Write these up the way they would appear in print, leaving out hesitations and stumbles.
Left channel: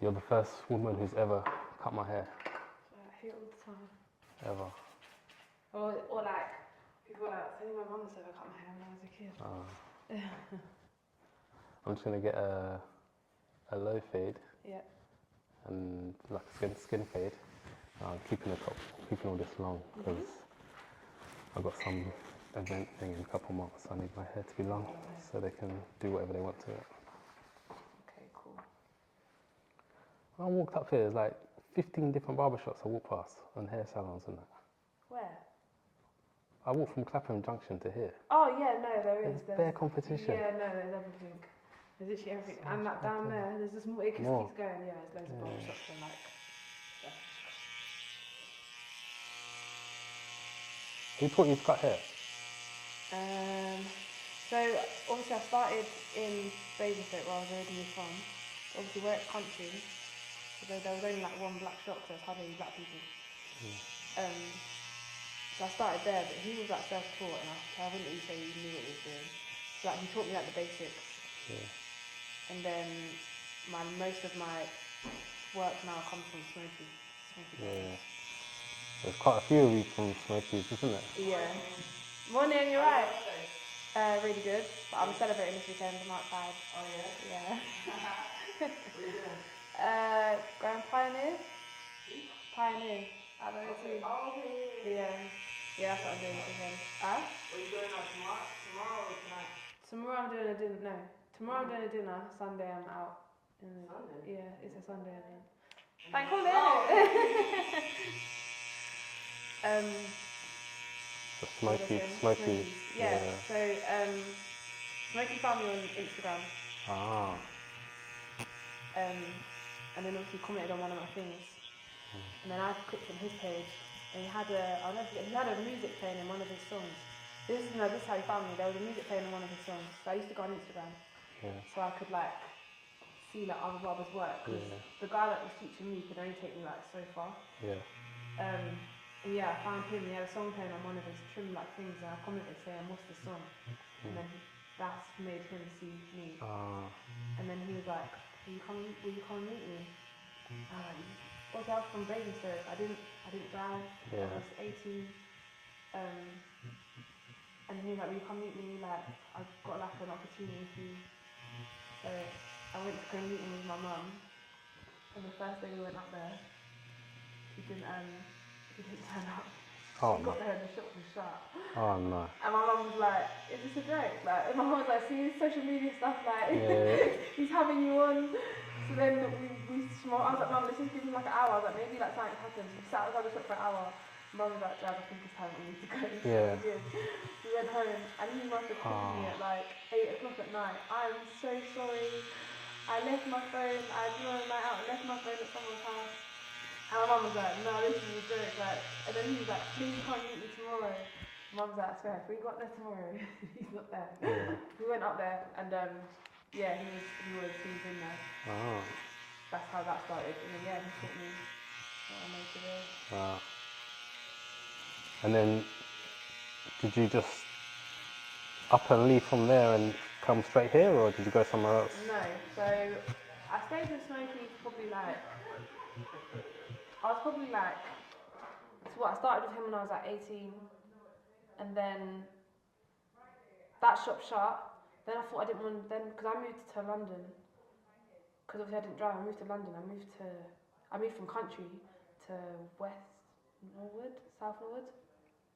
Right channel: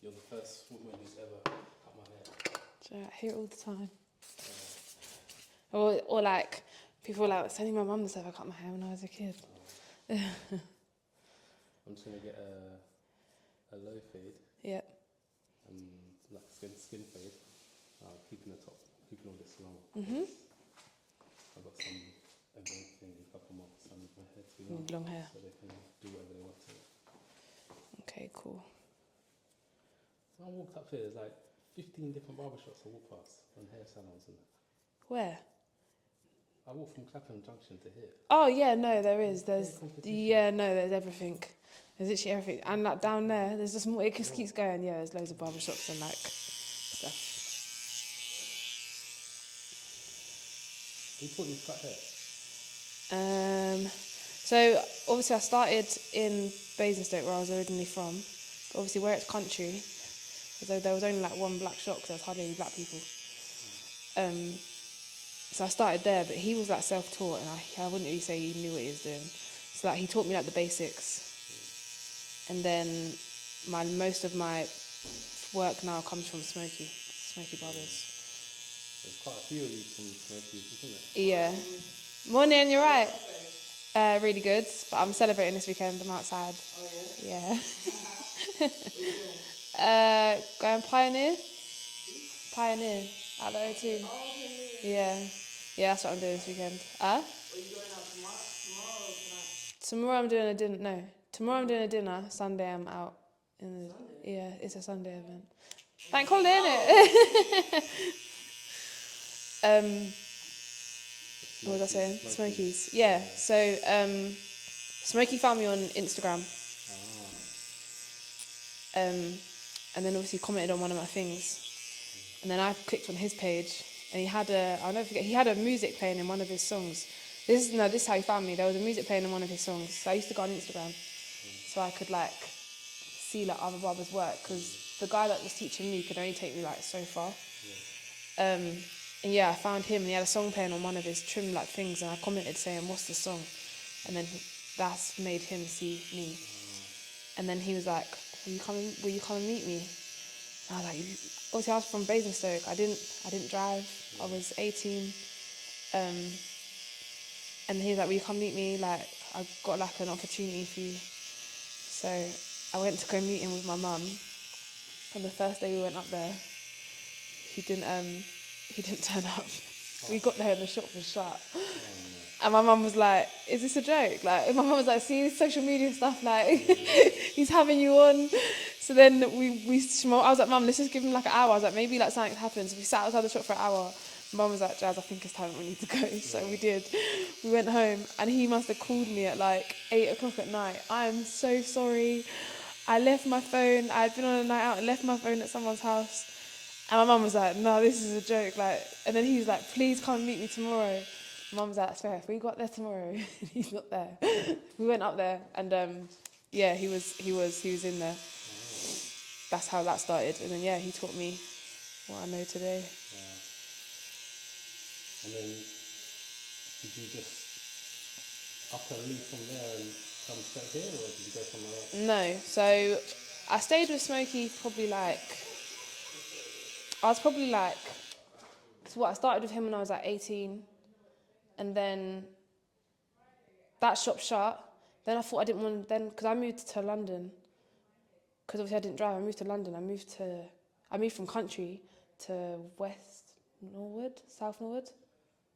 You're the first woman who's ever cut my hair. Yeah, I hear it all the time. Ever. Or like, people were like, it's only my mum that's ever cut my hair when I was a kid. I'm just gonna get a low fade. Yeah. And like a skin fade. Keeping all this long because I've got some event thing in a couple months. I need my hair to be long hair. so they can do whatever they want to it. Okay, cool. When I walked up here, there's like 15 different barbershops I walked past and hair salons and that. Where? I walked from Clapham Junction to here. Oh yeah, no, there is. There's competition. Yeah, no, there's everything. There's literally everything. And like down there, there's just more. It just keeps going. Yeah, there's loads of barbershops and like stuff. Who taught you to cut hair? So obviously I started in Basingstoke where I was originally from. Obviously where it's country, although there was only like one black shop because there was hardly any black people. So I started there, but he was like self-taught and I wouldn't really say he knew what he was doing. So like he taught me like the basics. Yeah. And then most of my work now comes from Smoky Barbers. Yeah. There's quite a few of you from Smokies, isn't there? Yeah. Morning, you're right. Really good, but I'm celebrating this weekend. I'm outside. Oh yeah? Yeah. What are you doing? Going Pioneer at the O2. Oh, okay. Yeah. Yeah, that's what I'm doing this weekend. What are you doing tomorrow or tonight? Tomorrow I'm doing a dinner. No, tomorrow I'm doing a dinner. Sunday I'm out. Sunday? Yeah, it's a Sunday event. Bank holiday, innit? What was I saying? Smokies. Yeah. So Smoky found me on Instagram. And then obviously commented on one of my things. And then I clicked on his page and he had a music playing in one of his songs. This is how he found me. There was a music playing in one of his songs. So I used to go on Instagram so I could like see like other barbers' work because the guy that was teaching me could only take me like so far. Yeah. And yeah, I found him and he had a song playing on one of his trim like things and I commented saying, "What's this song?" And then that's made him see me. And then he was like, will you come and meet me? And I was like, obviously I was from Basingstoke. I didn't drive. Yeah. I was 18. And he was like, will you come meet me? Like, I've got like an opportunity for you. So I went to go meet him with my mum. And the first day we went up there, he didn't turn up. We got there and the shop was shut. Oh no. And my mum was like, is this a joke? Like, my mum was like, see social media stuff, like, he's having you on. So then I was like, Mum, let's just give him like an hour. I was like, maybe like something happens. We sat outside the shop for an hour. Mum was like, Jazz, I think it's time for me to go. So we did. We went home and he must have called me at like 8 o'clock at night. I'm so sorry. I left my phone. I'd been on a night out and left my phone at someone's house. And my mum was like, no, this is a joke. Like, and then he's like, please come and meet me tomorrow. Mum's like, swear, if we got there tomorrow, he's not there. We went up there and yeah, he was in there. That's how that started. And then yeah, he taught me what I know today. And then did you just up and leave from there and come straight here, or did you go somewhere else? No, so I stayed with Smokey I started with him when I was like 18, and then that shop shut. Then I thought I didn't want, because I moved to London, because obviously I didn't drive, I moved to London, I moved from country to South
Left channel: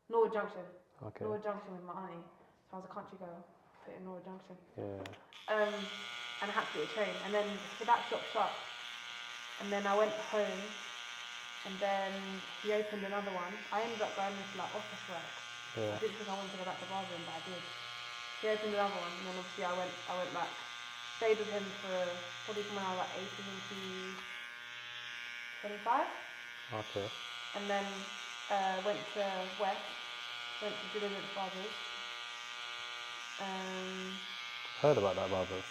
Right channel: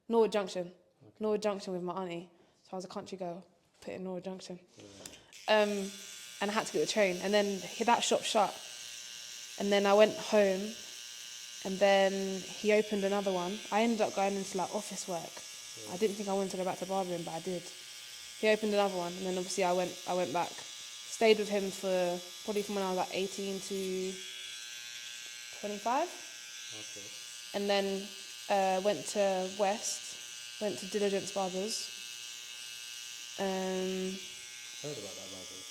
Norwood Junction. Okay. Norwood Junction with my auntie. So I was a country girl, put in Norwood Junction. Yeah. And I had to get the train, and then that shop shut, and then I went home. And then he opened another one. I ended up going into like office work. Yeah. I didn't think I wanted to go back to barbering, but I did. He opened another one, and then obviously I went back. Stayed with him for probably from when I was like 18 to 25. Okay. And then went to West, went to Diligence Barbers. Heard about that Barber.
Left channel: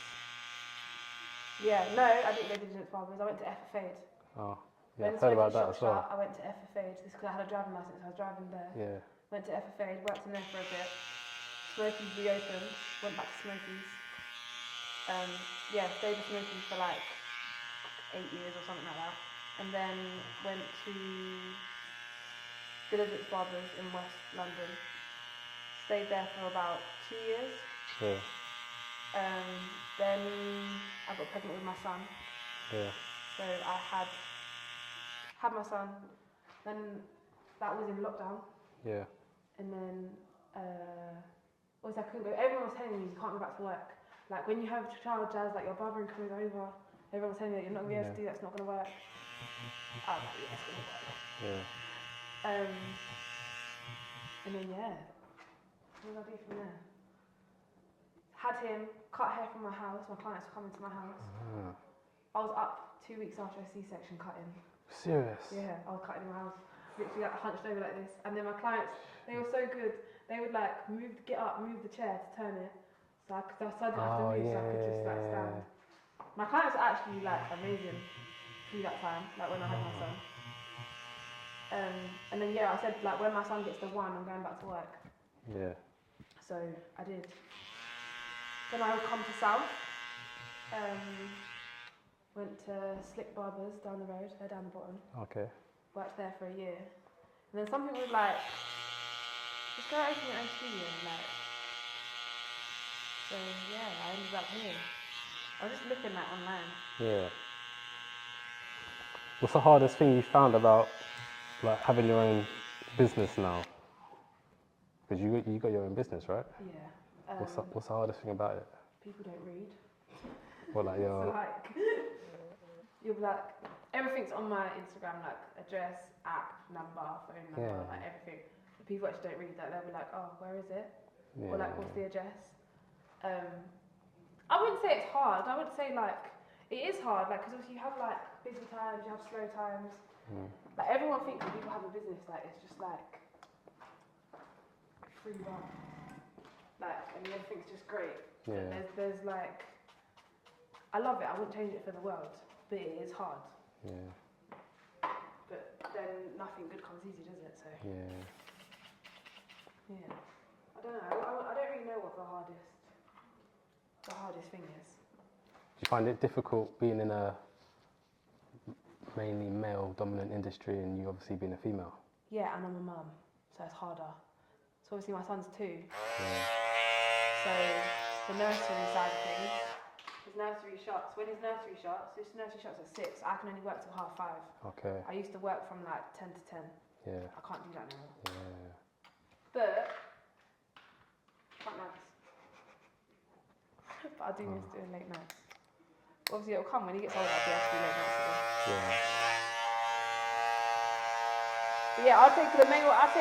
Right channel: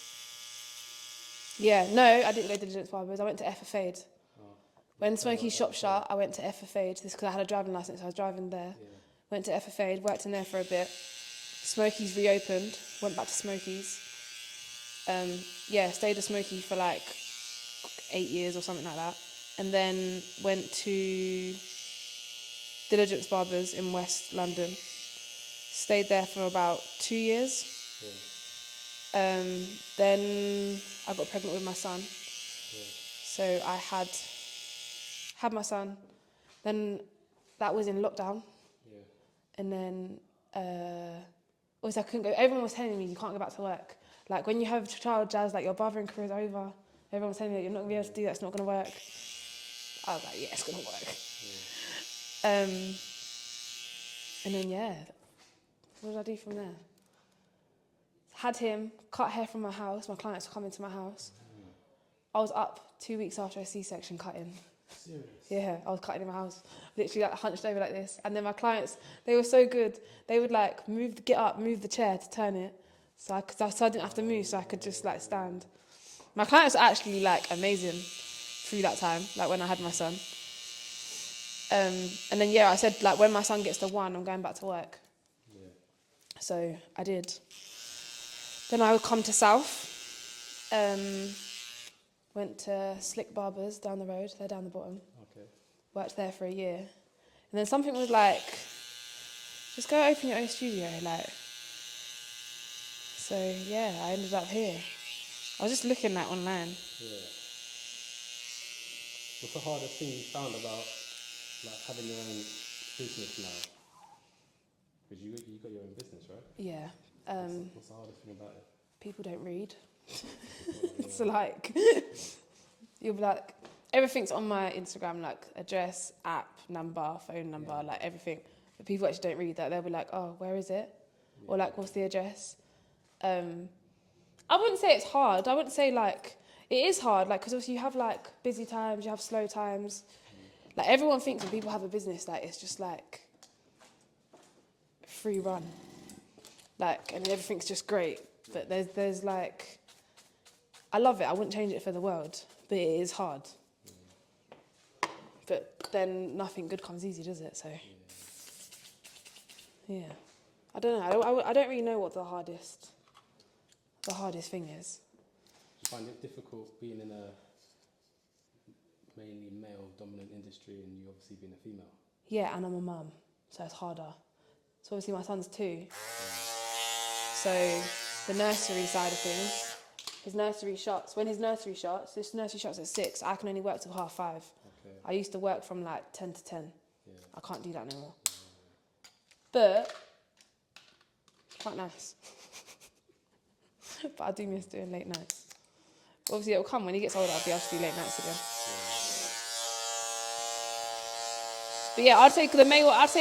Yeah, no, I didn't go to Diligence Barbers. I went to FFA'd. Oh. Yeah, when Smoky shop shut, I went to FFA'd. This because I had a driving licence, so I was driving there. Yeah. Went to FFA'd, worked in there for a bit. Smoky's reopened, went back to Smoky's. Yeah, stayed at Smoky for like 8 years or something like that. And then went to Diligence Barbers in West London. Stayed there for about 2 years. Yeah. Then I got pregnant with my son. Yeah. So I had my son. Then that was in lockdown. Yeah. And then obviously I couldn't go. Everyone was telling me you can't go back to work. Like when you have a child, Jazz, like your barbering career is over. Everyone was telling me that you're not gonna be able to do that. It's not gonna work. I was like, yeah, it's gonna work. Yeah. And then yeah, what did I do from there? Had him, cut hair from my house. My clients were coming to my house. I was up 2 weeks after a C-section cutting. Serious? Yeah, I was cutting in my house, literally like hunched over like this. And then my clients, they were so good. They would like get up, move the chair to turn it, so I didn't have to move, so I could just like stand. My clients were actually like amazing through that time, like when I had my son. And then yeah, I said like when my son gets to 1, I'm going back to work. Yeah. So I did. Then I would come to South. Went to Slick Barbers down the road. They're down the bottom. Okay. Worked there for a year. And then something was like, just go open your own studio. Like, so yeah, I ended up here. I was just looking at online. Yeah. What's the hardest thing you found about like having your own business now? Because you got your own business, right? Yeah. What's the hardest thing about it? People don't read. What, like So like, you'll be like, everything's on my Instagram, like address, app, number, phone number, like everything. But people actually don't read that. They'll be like, oh, where is it? Or like, what's the address? I wouldn't say it's hard. I wouldn't say like, it is hard, like, because obviously you have like busy times, you have slow times. Like everyone thinks when people have a business, like it's just like free run. Like, and everything's just great. But there's like, I love it. I wouldn't change it for the world, but it is hard. Yeah. But then nothing good comes easy, does it? So yeah. I don't know. I don't really know what the hardest thing is. Do you find it difficult being in a mainly male-dominant industry and you obviously being a female? Yeah, and I'm a mum, so it's harder. So obviously my son's 2. So the nursery side of things, his nursery shuts. When his nursery shuts, this nursery shuts at 6. I can only work till 5:30. Okay. I used to work from like 10 to 10. Yeah. I can't do that anymore. Yeah. But quite nice. But I do miss doing late nights. Obviously it'll come when he gets older. I'll be able to do late nights again. Yeah. But yeah, I'd say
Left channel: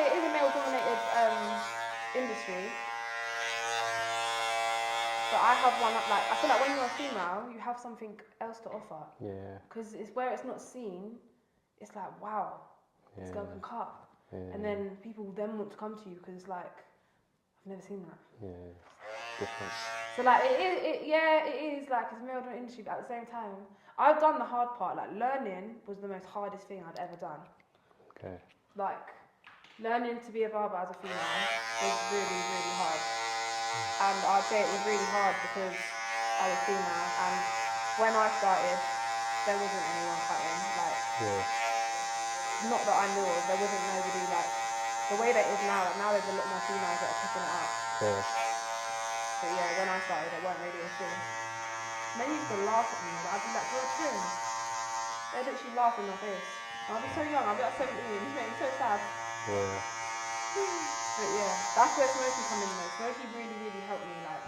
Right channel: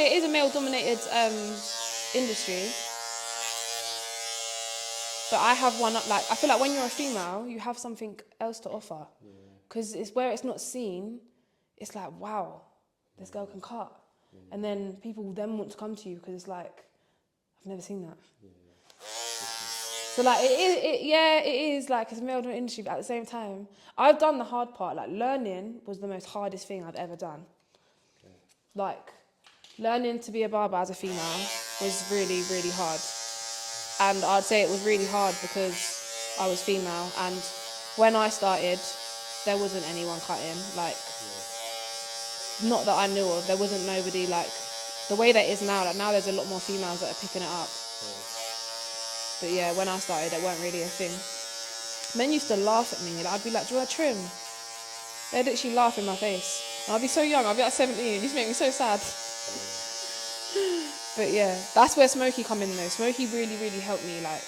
it is a male-dominated industry. But I have one up, like, I feel like when you're a female, you have something else to offer. Yeah. Because it's where it's not seen, it's like, wow, this girl can cut. Yeah. And then people will then want to come to you because it's like, I've never seen that. Yeah. Different. So like, it is like, it's a male industry, but at the same time, I've done the hard part. Like, learning was the most hardest thing I've ever done. Okay. Like, learning to be a barber as a female was really, really hard. And I'd say it was really hard because I was female, and when I started, there wasn't anyone cutting. Like, not that I knew of. There wasn't nobody like the way that it is now. Like now, there's a lot more females that are picking it up. Yeah. But yeah, when I started, it weren't really a thing. Men used to laugh at me. Like, I'd be like, "Do you want a trim?" They'd literally laugh in my face. And I'd be so young. I'd be like 17. It used to make me so sad. Yeah. But yeah, that's where Smokey come in though. Smokey really, really helped me. Like,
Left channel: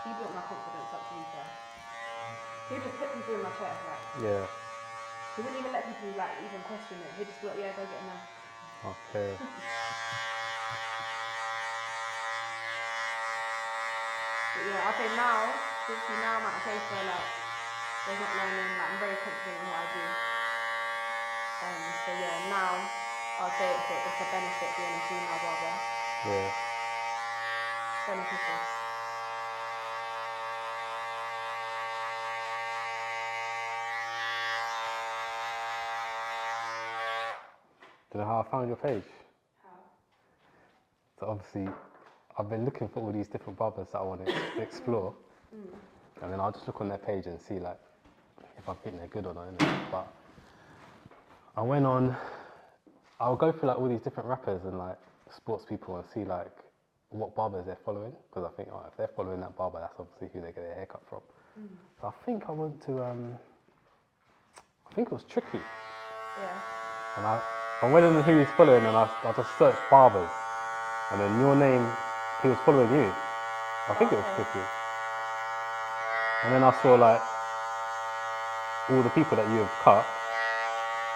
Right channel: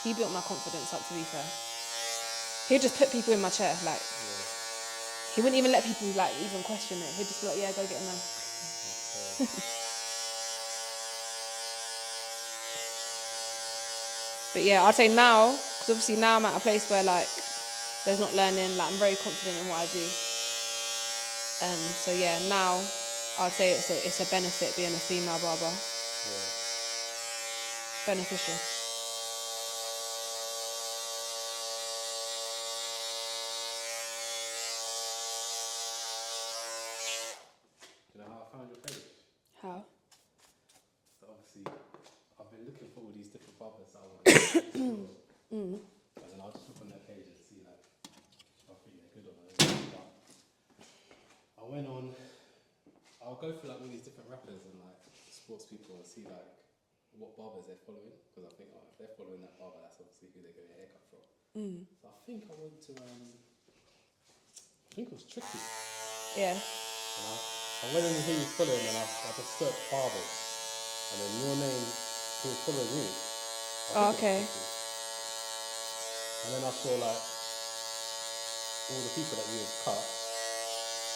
he built my confidence up, to be fair. He'd just put people in my chair. Like, Yeah. he wouldn't even let people like even question it. He'd just be like, yeah, go get him now. Okay. But yeah, I'd say now, because obviously now I'm at a place where like, there's not learning. Like, I'm very confident in what I do. And so yeah, now I'd say it's a benefit being a female barber. Yeah. Beneficial. Do you know how I found your page? How? So obviously, I've been looking for all these different barbers that I want to explore. And then I'll just look on their page and see like, if I think they're good or not, innit? But I went on. I'll go through like all these different rappers and like sports people and see like what barbers they're following, because I think, oh, if they're following that barber, that's obviously who they get their haircut from. So I think I went to I think it was Tricky, Yeah. and I went on who he's following, and I just searched barbers, and then your name, he was following you. I think it was Okay. Tricky. And then I saw like all the people that you have cut,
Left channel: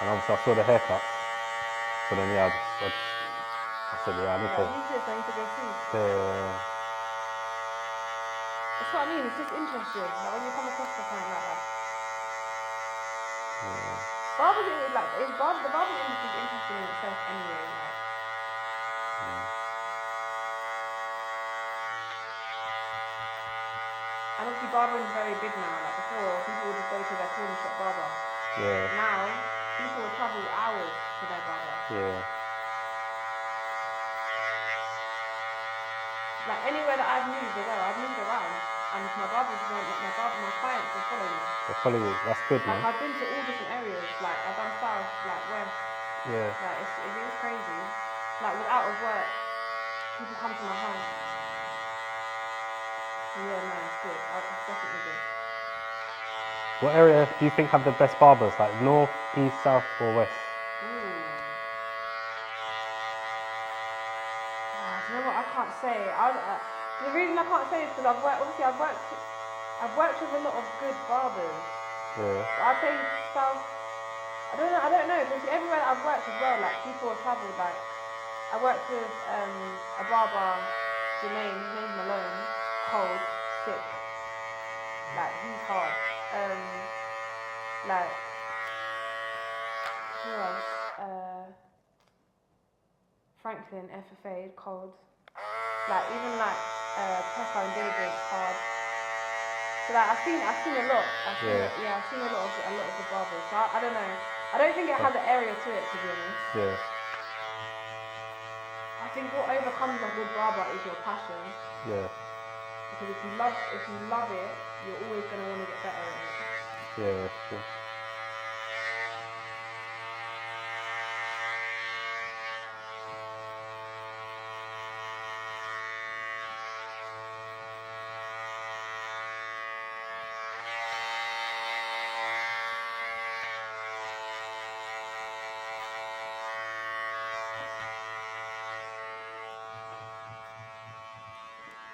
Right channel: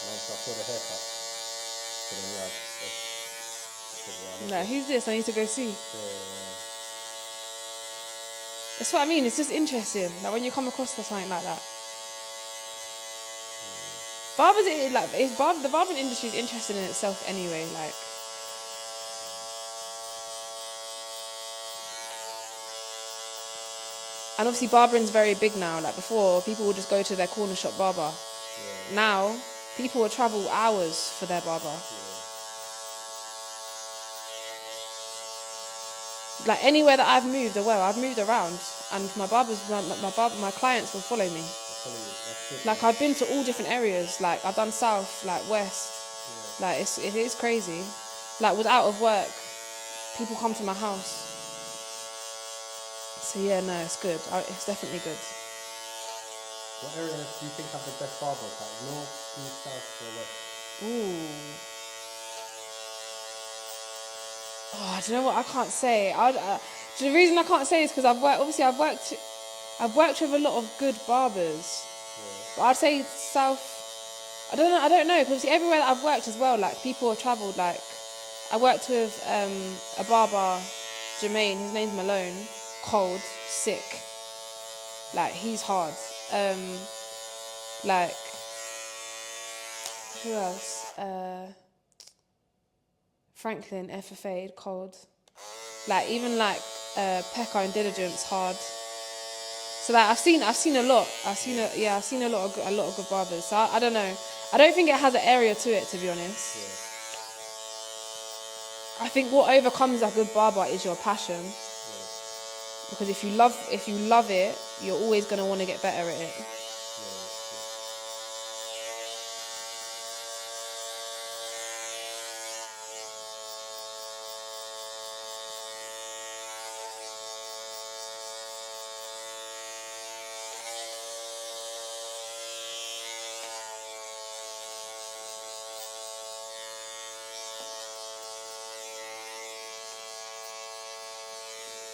and obviously I saw the haircut. So then yeah, I said yeah, I need Right, to. who's this? I need to go see. Yeah, That's what I mean. It's just interesting. Like when you come across something like that. Barbers, the barbering industry is interesting in itself anyway. Like, and obviously barbering's very big now. Like before, people would just go to their corner shop barber. yeah, Now, people will travel hours for their barber. yeah. Like anywhere that I've moved I've moved around, and my clients will follow me. They're following you. That's good, Like man. I've been to all different areas. Like I've done south, like west. Yeah. Like it is crazy. Like was out of work, people come to my house. So yeah, no, it's good. It's definitely good. What area do you think have the best barbers? Like north, east, south, or west? Ooh. Oh, do you know what? I can't say. The reason I can't say is because I've worked with a lot of good barbers. Yeah. But I'd say south. I don't know because everywhere that I've worked as well, like people have travelled. Like I worked with a barber, Jermaine. His name's Malone. Cold, sick. Like he's hard. Like who else? Franklin, FFA, cold. Like even like Pekka and Diligence, hard. So like I've seen a lot. I've seen a lot of good barbers. So I don't know. I don't think it has an area to it, to be honest. Yeah. I think what overcomes a good barber is your passion. Yeah. Because if you love it, you're always gonna want to get better at it. Yeah, that's true.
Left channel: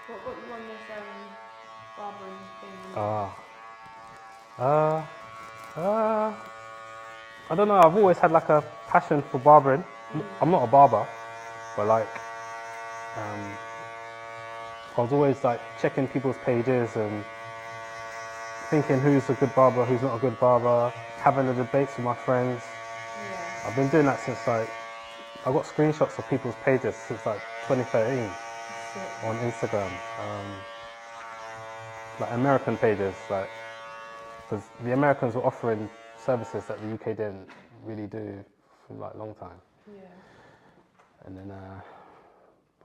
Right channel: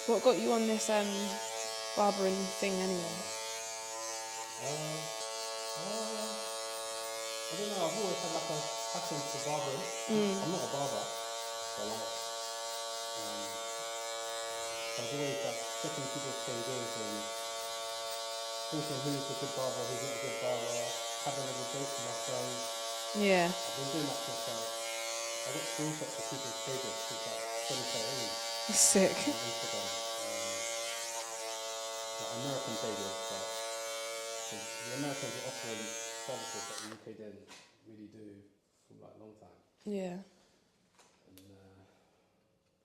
What got you on this barbering thing anyway? I don't know. I've always had like a passion for barbering. I'm not a barber, but like, I was always like checking people's pages and thinking who's a good barber, who's not a good barber, having a debate with my friends. Yeah. I've been doing that since like, I got screenshots of people's pages since like 2013 Sick. on Instagram. Like American pages, like, because the Americans were offering services that the UK didn't really do for like a long time. Yeah. And then,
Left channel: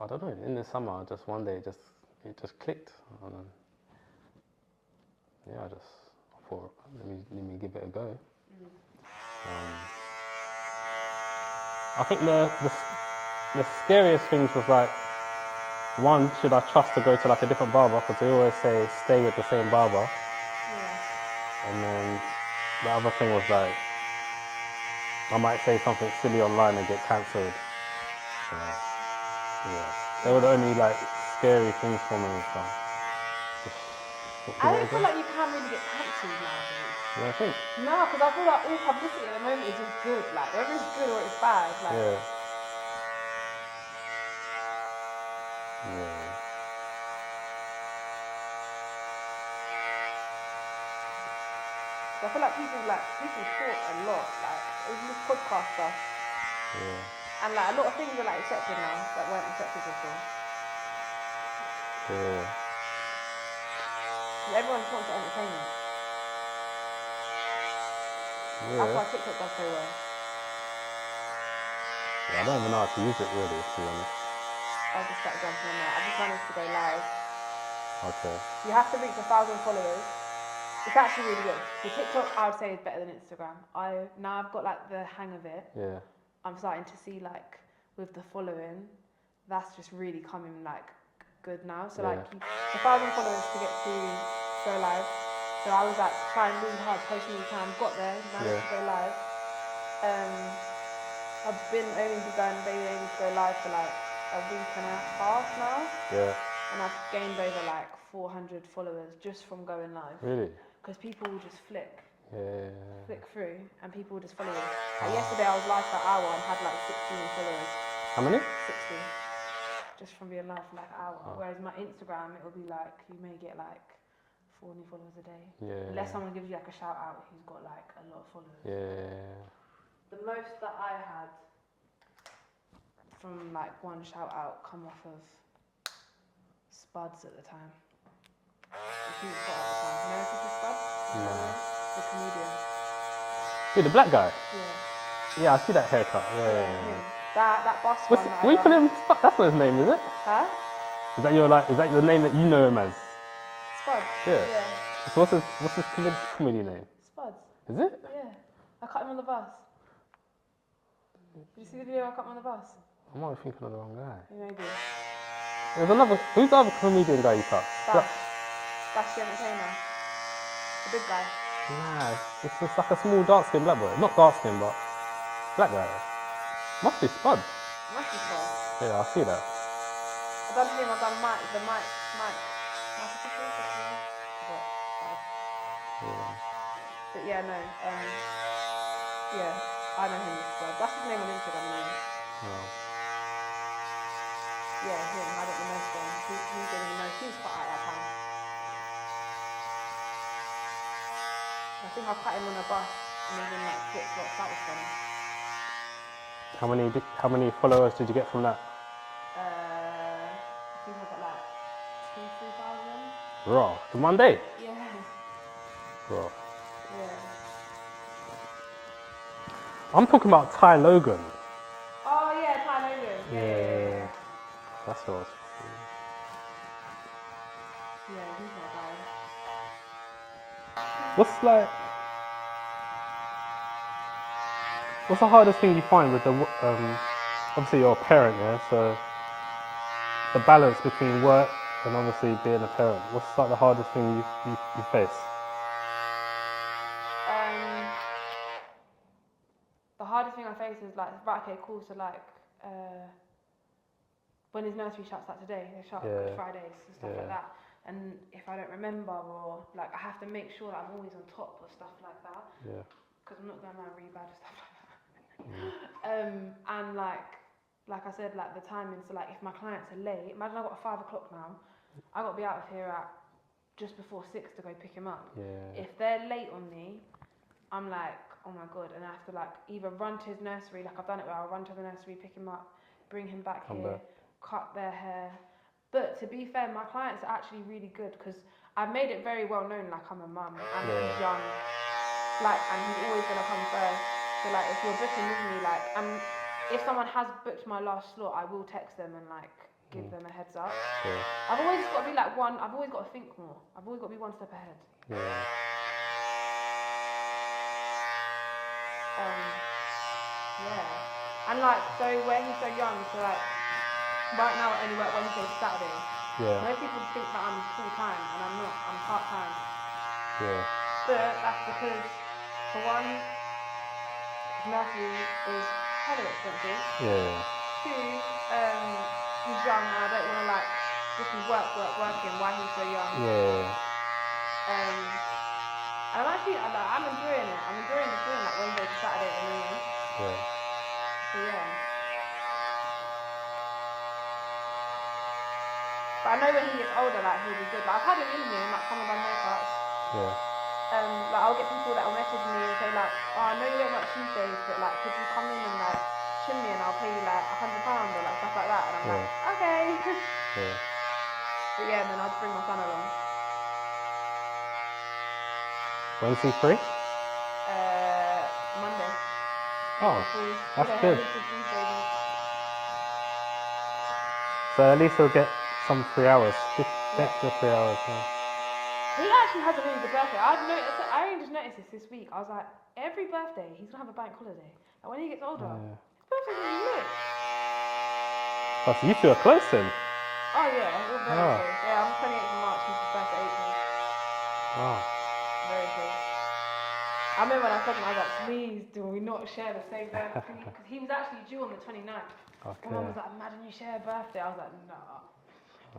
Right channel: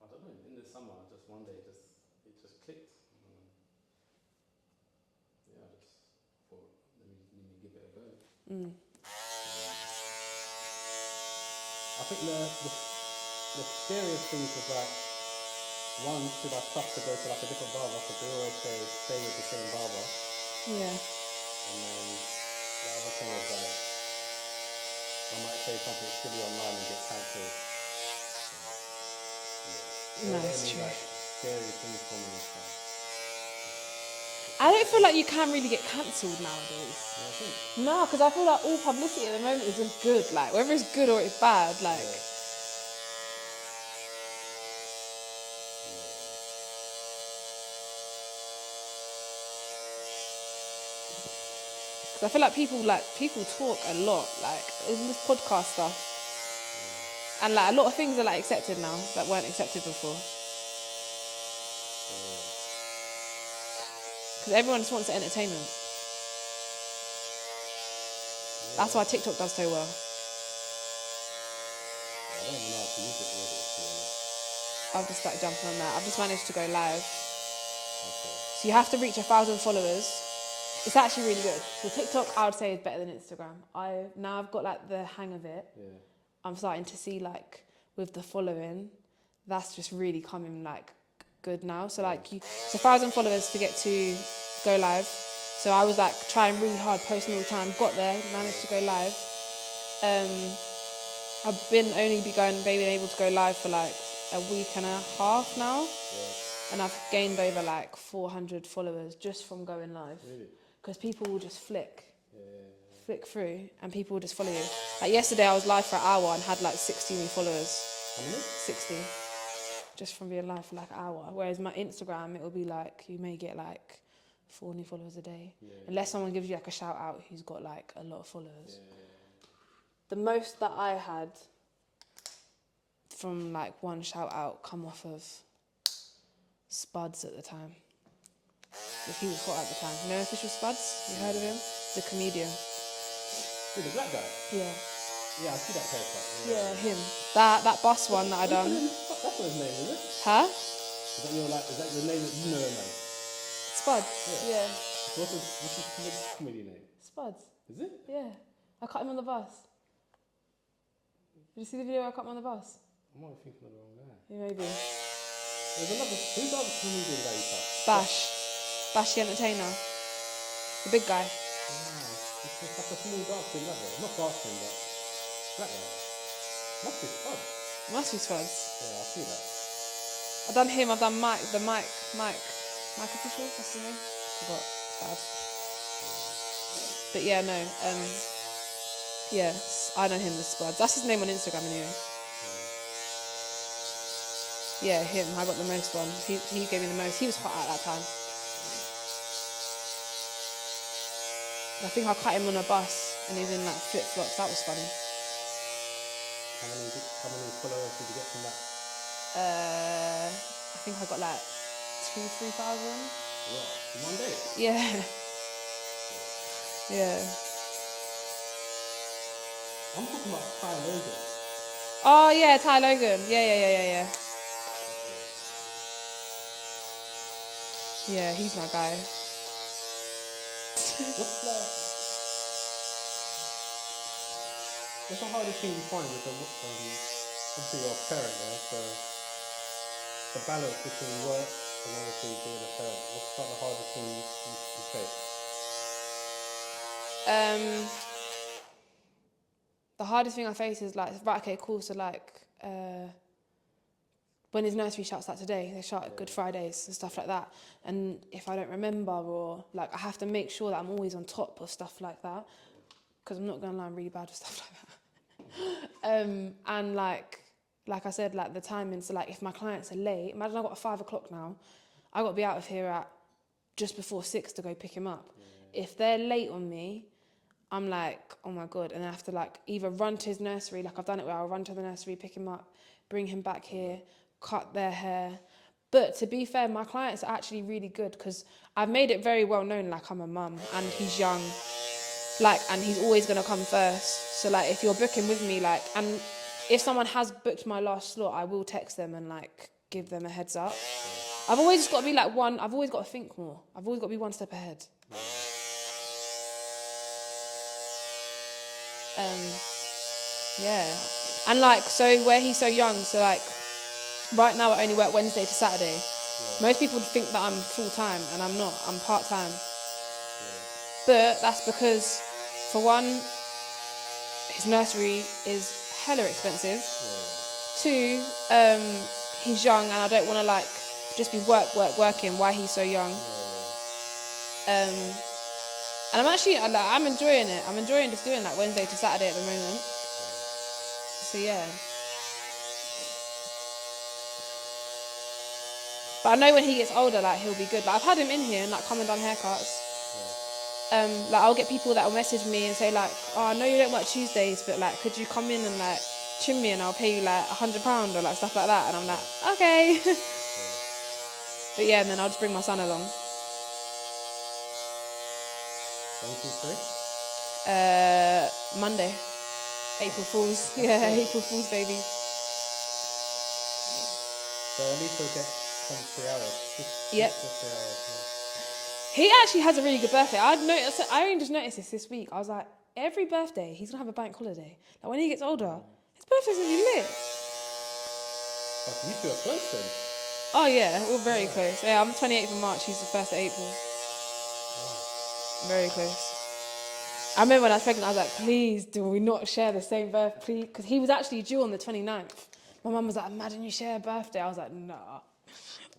I don't know, in the summer, just one day, it just clicked. And then, yeah, I thought, let me give it a go. I think the scariest things was like, one, should I trust to go to like a different barber? Because they always say stay with the same barber. Yeah. And then the other thing was like, I might say something silly online and get cancelled. So, yeah. They were the only like scary things for me. So. I don't feel like you can really get cancelled nowadays. Yeah, I think. No, because I feel like all publicity at the moment is all good. Like whether it's good or it's bad, like. Yeah. I feel like people talk a lot, like in this podcast stuff, and like a lot of things are like accepted now that weren't accepted before. Yeah. Because everyone just wants entertainment. Yeah. That's why TikTok does so well. I don't even know how to use it really, to be honest. I've just started jumping on that. I've just managed to go live. Okay. So you have to reach 1,000 followers It's actually really good. So TikTok, I would say, is better than Instagram. Now I've got like the hang of it. Yeah. I'm starting to see like with the following, that's just really coming like good now. So like, so 1,000 followers to get to go live. So I was like trying really hard, posting all the time. Got there, managed to go live. I've been able to go live for like a week and a half now. Yeah. And I've gained over like 400 followers just from going live. Really? Because people will just flick through and people will just follow you. Like yesterday I was live for an hour and had like 16 followers. How many? 60. Just from being live for like an hour. Whereas my Instagram, it will be like, you may get like 4 new followers a day. Yeah. Unless someone gives you like a shout out who's got like a lot of followers. Yeah. The most that I had from like one shout out come off of Spuds at the time. He was hot at the time. You know Official Spuds? You know him? The comedian. Wait, the black guy? Yeah. Yeah, I see that haircut. Yeah. Him. That bus one that I We done. call him, that's not his name, is it? Huh? Is that your name that you know him as? Spuds? Yeah. Yeah. So what's his comedy name? Spuds? Is it? Yeah. I cut him on the bus. Did you see the video I cut him on the bus? I might be thinking of the wrong guy. Maybe. Who's the other comedian guy you cut? Bash the entertainer. The big guy. Nah, it's just like a small dark-skinned black boy. Not dark-skinned, but black guy. Must be Spud. Must be Spuds. Yeah, I see that. I've done him, I've done Mike Official, what's his name? Forgot. Bad. But yeah, no, yeah, I know him as Spuds. That's his name on Instagram now. Yeah, him, I got the most one. He gave me the most. He was hot at that time. I think I cut him on a bus and he was in like flip-flops. That was funny. How many followers did you get from that? I think I got like 2,000-3,000. Raw. In one day? Yeah. Raw. Yeah. I'm talking about Ty Logan. Oh yeah, Ty Logan. Yeah. That's all. Yeah, he's my guy. What's the hardest thing you find with the, obviously you're a parent, yeah, so the balance between work and obviously being a parent, what's like the hardest thing you face? The hardest thing I face is like, right, okay, cool, so like, when his nursery shuts like today, they shut Good Fridays and stuff like that. And if I don't remember or like, I have to make sure that I'm always on top of stuff like that. Yeah. Because I'm not going to lie, I'm really bad with stuff like that. And like I said, like the timing, so like if my clients are late, imagine I've got a 5 o'clock now, I've got to be out of here at just before 6 to go pick him up. Yeah. If they're late on me, I'm like, oh my God. And I have to like either run to his nursery, like I've done it where I'll run to the nursery, pick him up, bring him back here, cut their hair. But to be fair, my clients are actually really good because I've made it very well known, like I'm a mum and he's young, like, and he's always going to come first. So like if you're booking with me, like, and if someone has booked my last slot, I will text them and like give them a heads up. Yeah. I've always got to be like I've always got to think more. I've always got to be one step ahead. Yeah. Yeah. And like, so where he's so young, so like, right now I only work Wednesday to Saturday. Yeah. Most people think that I'm full-time and I'm not, I'm part-time. Yeah. But that's because, for one, his nursery is hella expensive. Yeah. 2, he's young and I don't want to like, just be working while he's so young. Yeah. And I'm actually, I'm enjoying it. I'm enjoying just doing like Wednesday to Saturday at the moment. Yeah. So yeah. But I know when he gets older, like he'll be good. Like I've had him in here and like come and done haircuts. Yeah. Like I'll get people that will message me and say like, oh, I know you don't work Tuesdays, but like, could you come in and like trim me and I'll pay you like £100 or like stuff like that. And I'm like, okay. Yeah. But yeah, and then I'll just bring my son along. When's he free? Monday. April Fools. Yeah, good. April Fools, baby. So at least he'll get some 3 hours. Just 3 hours. He actually has a really good birthday. I only just noticed this week. I was like, every birthday, he's gonna have a bank holiday. Like when he gets older, his birthday's gonna be lit. But you two are close then. Oh yeah, we're very close. Yeah, I'm 28th of March, he's the 1st of April. Wow. Very close. I remember when I was pregnant, I was like, please do we not share the same birthday? Because he was actually due on the 29th. Okay. My mum was like, imagine you share a birthday. I was like, nah.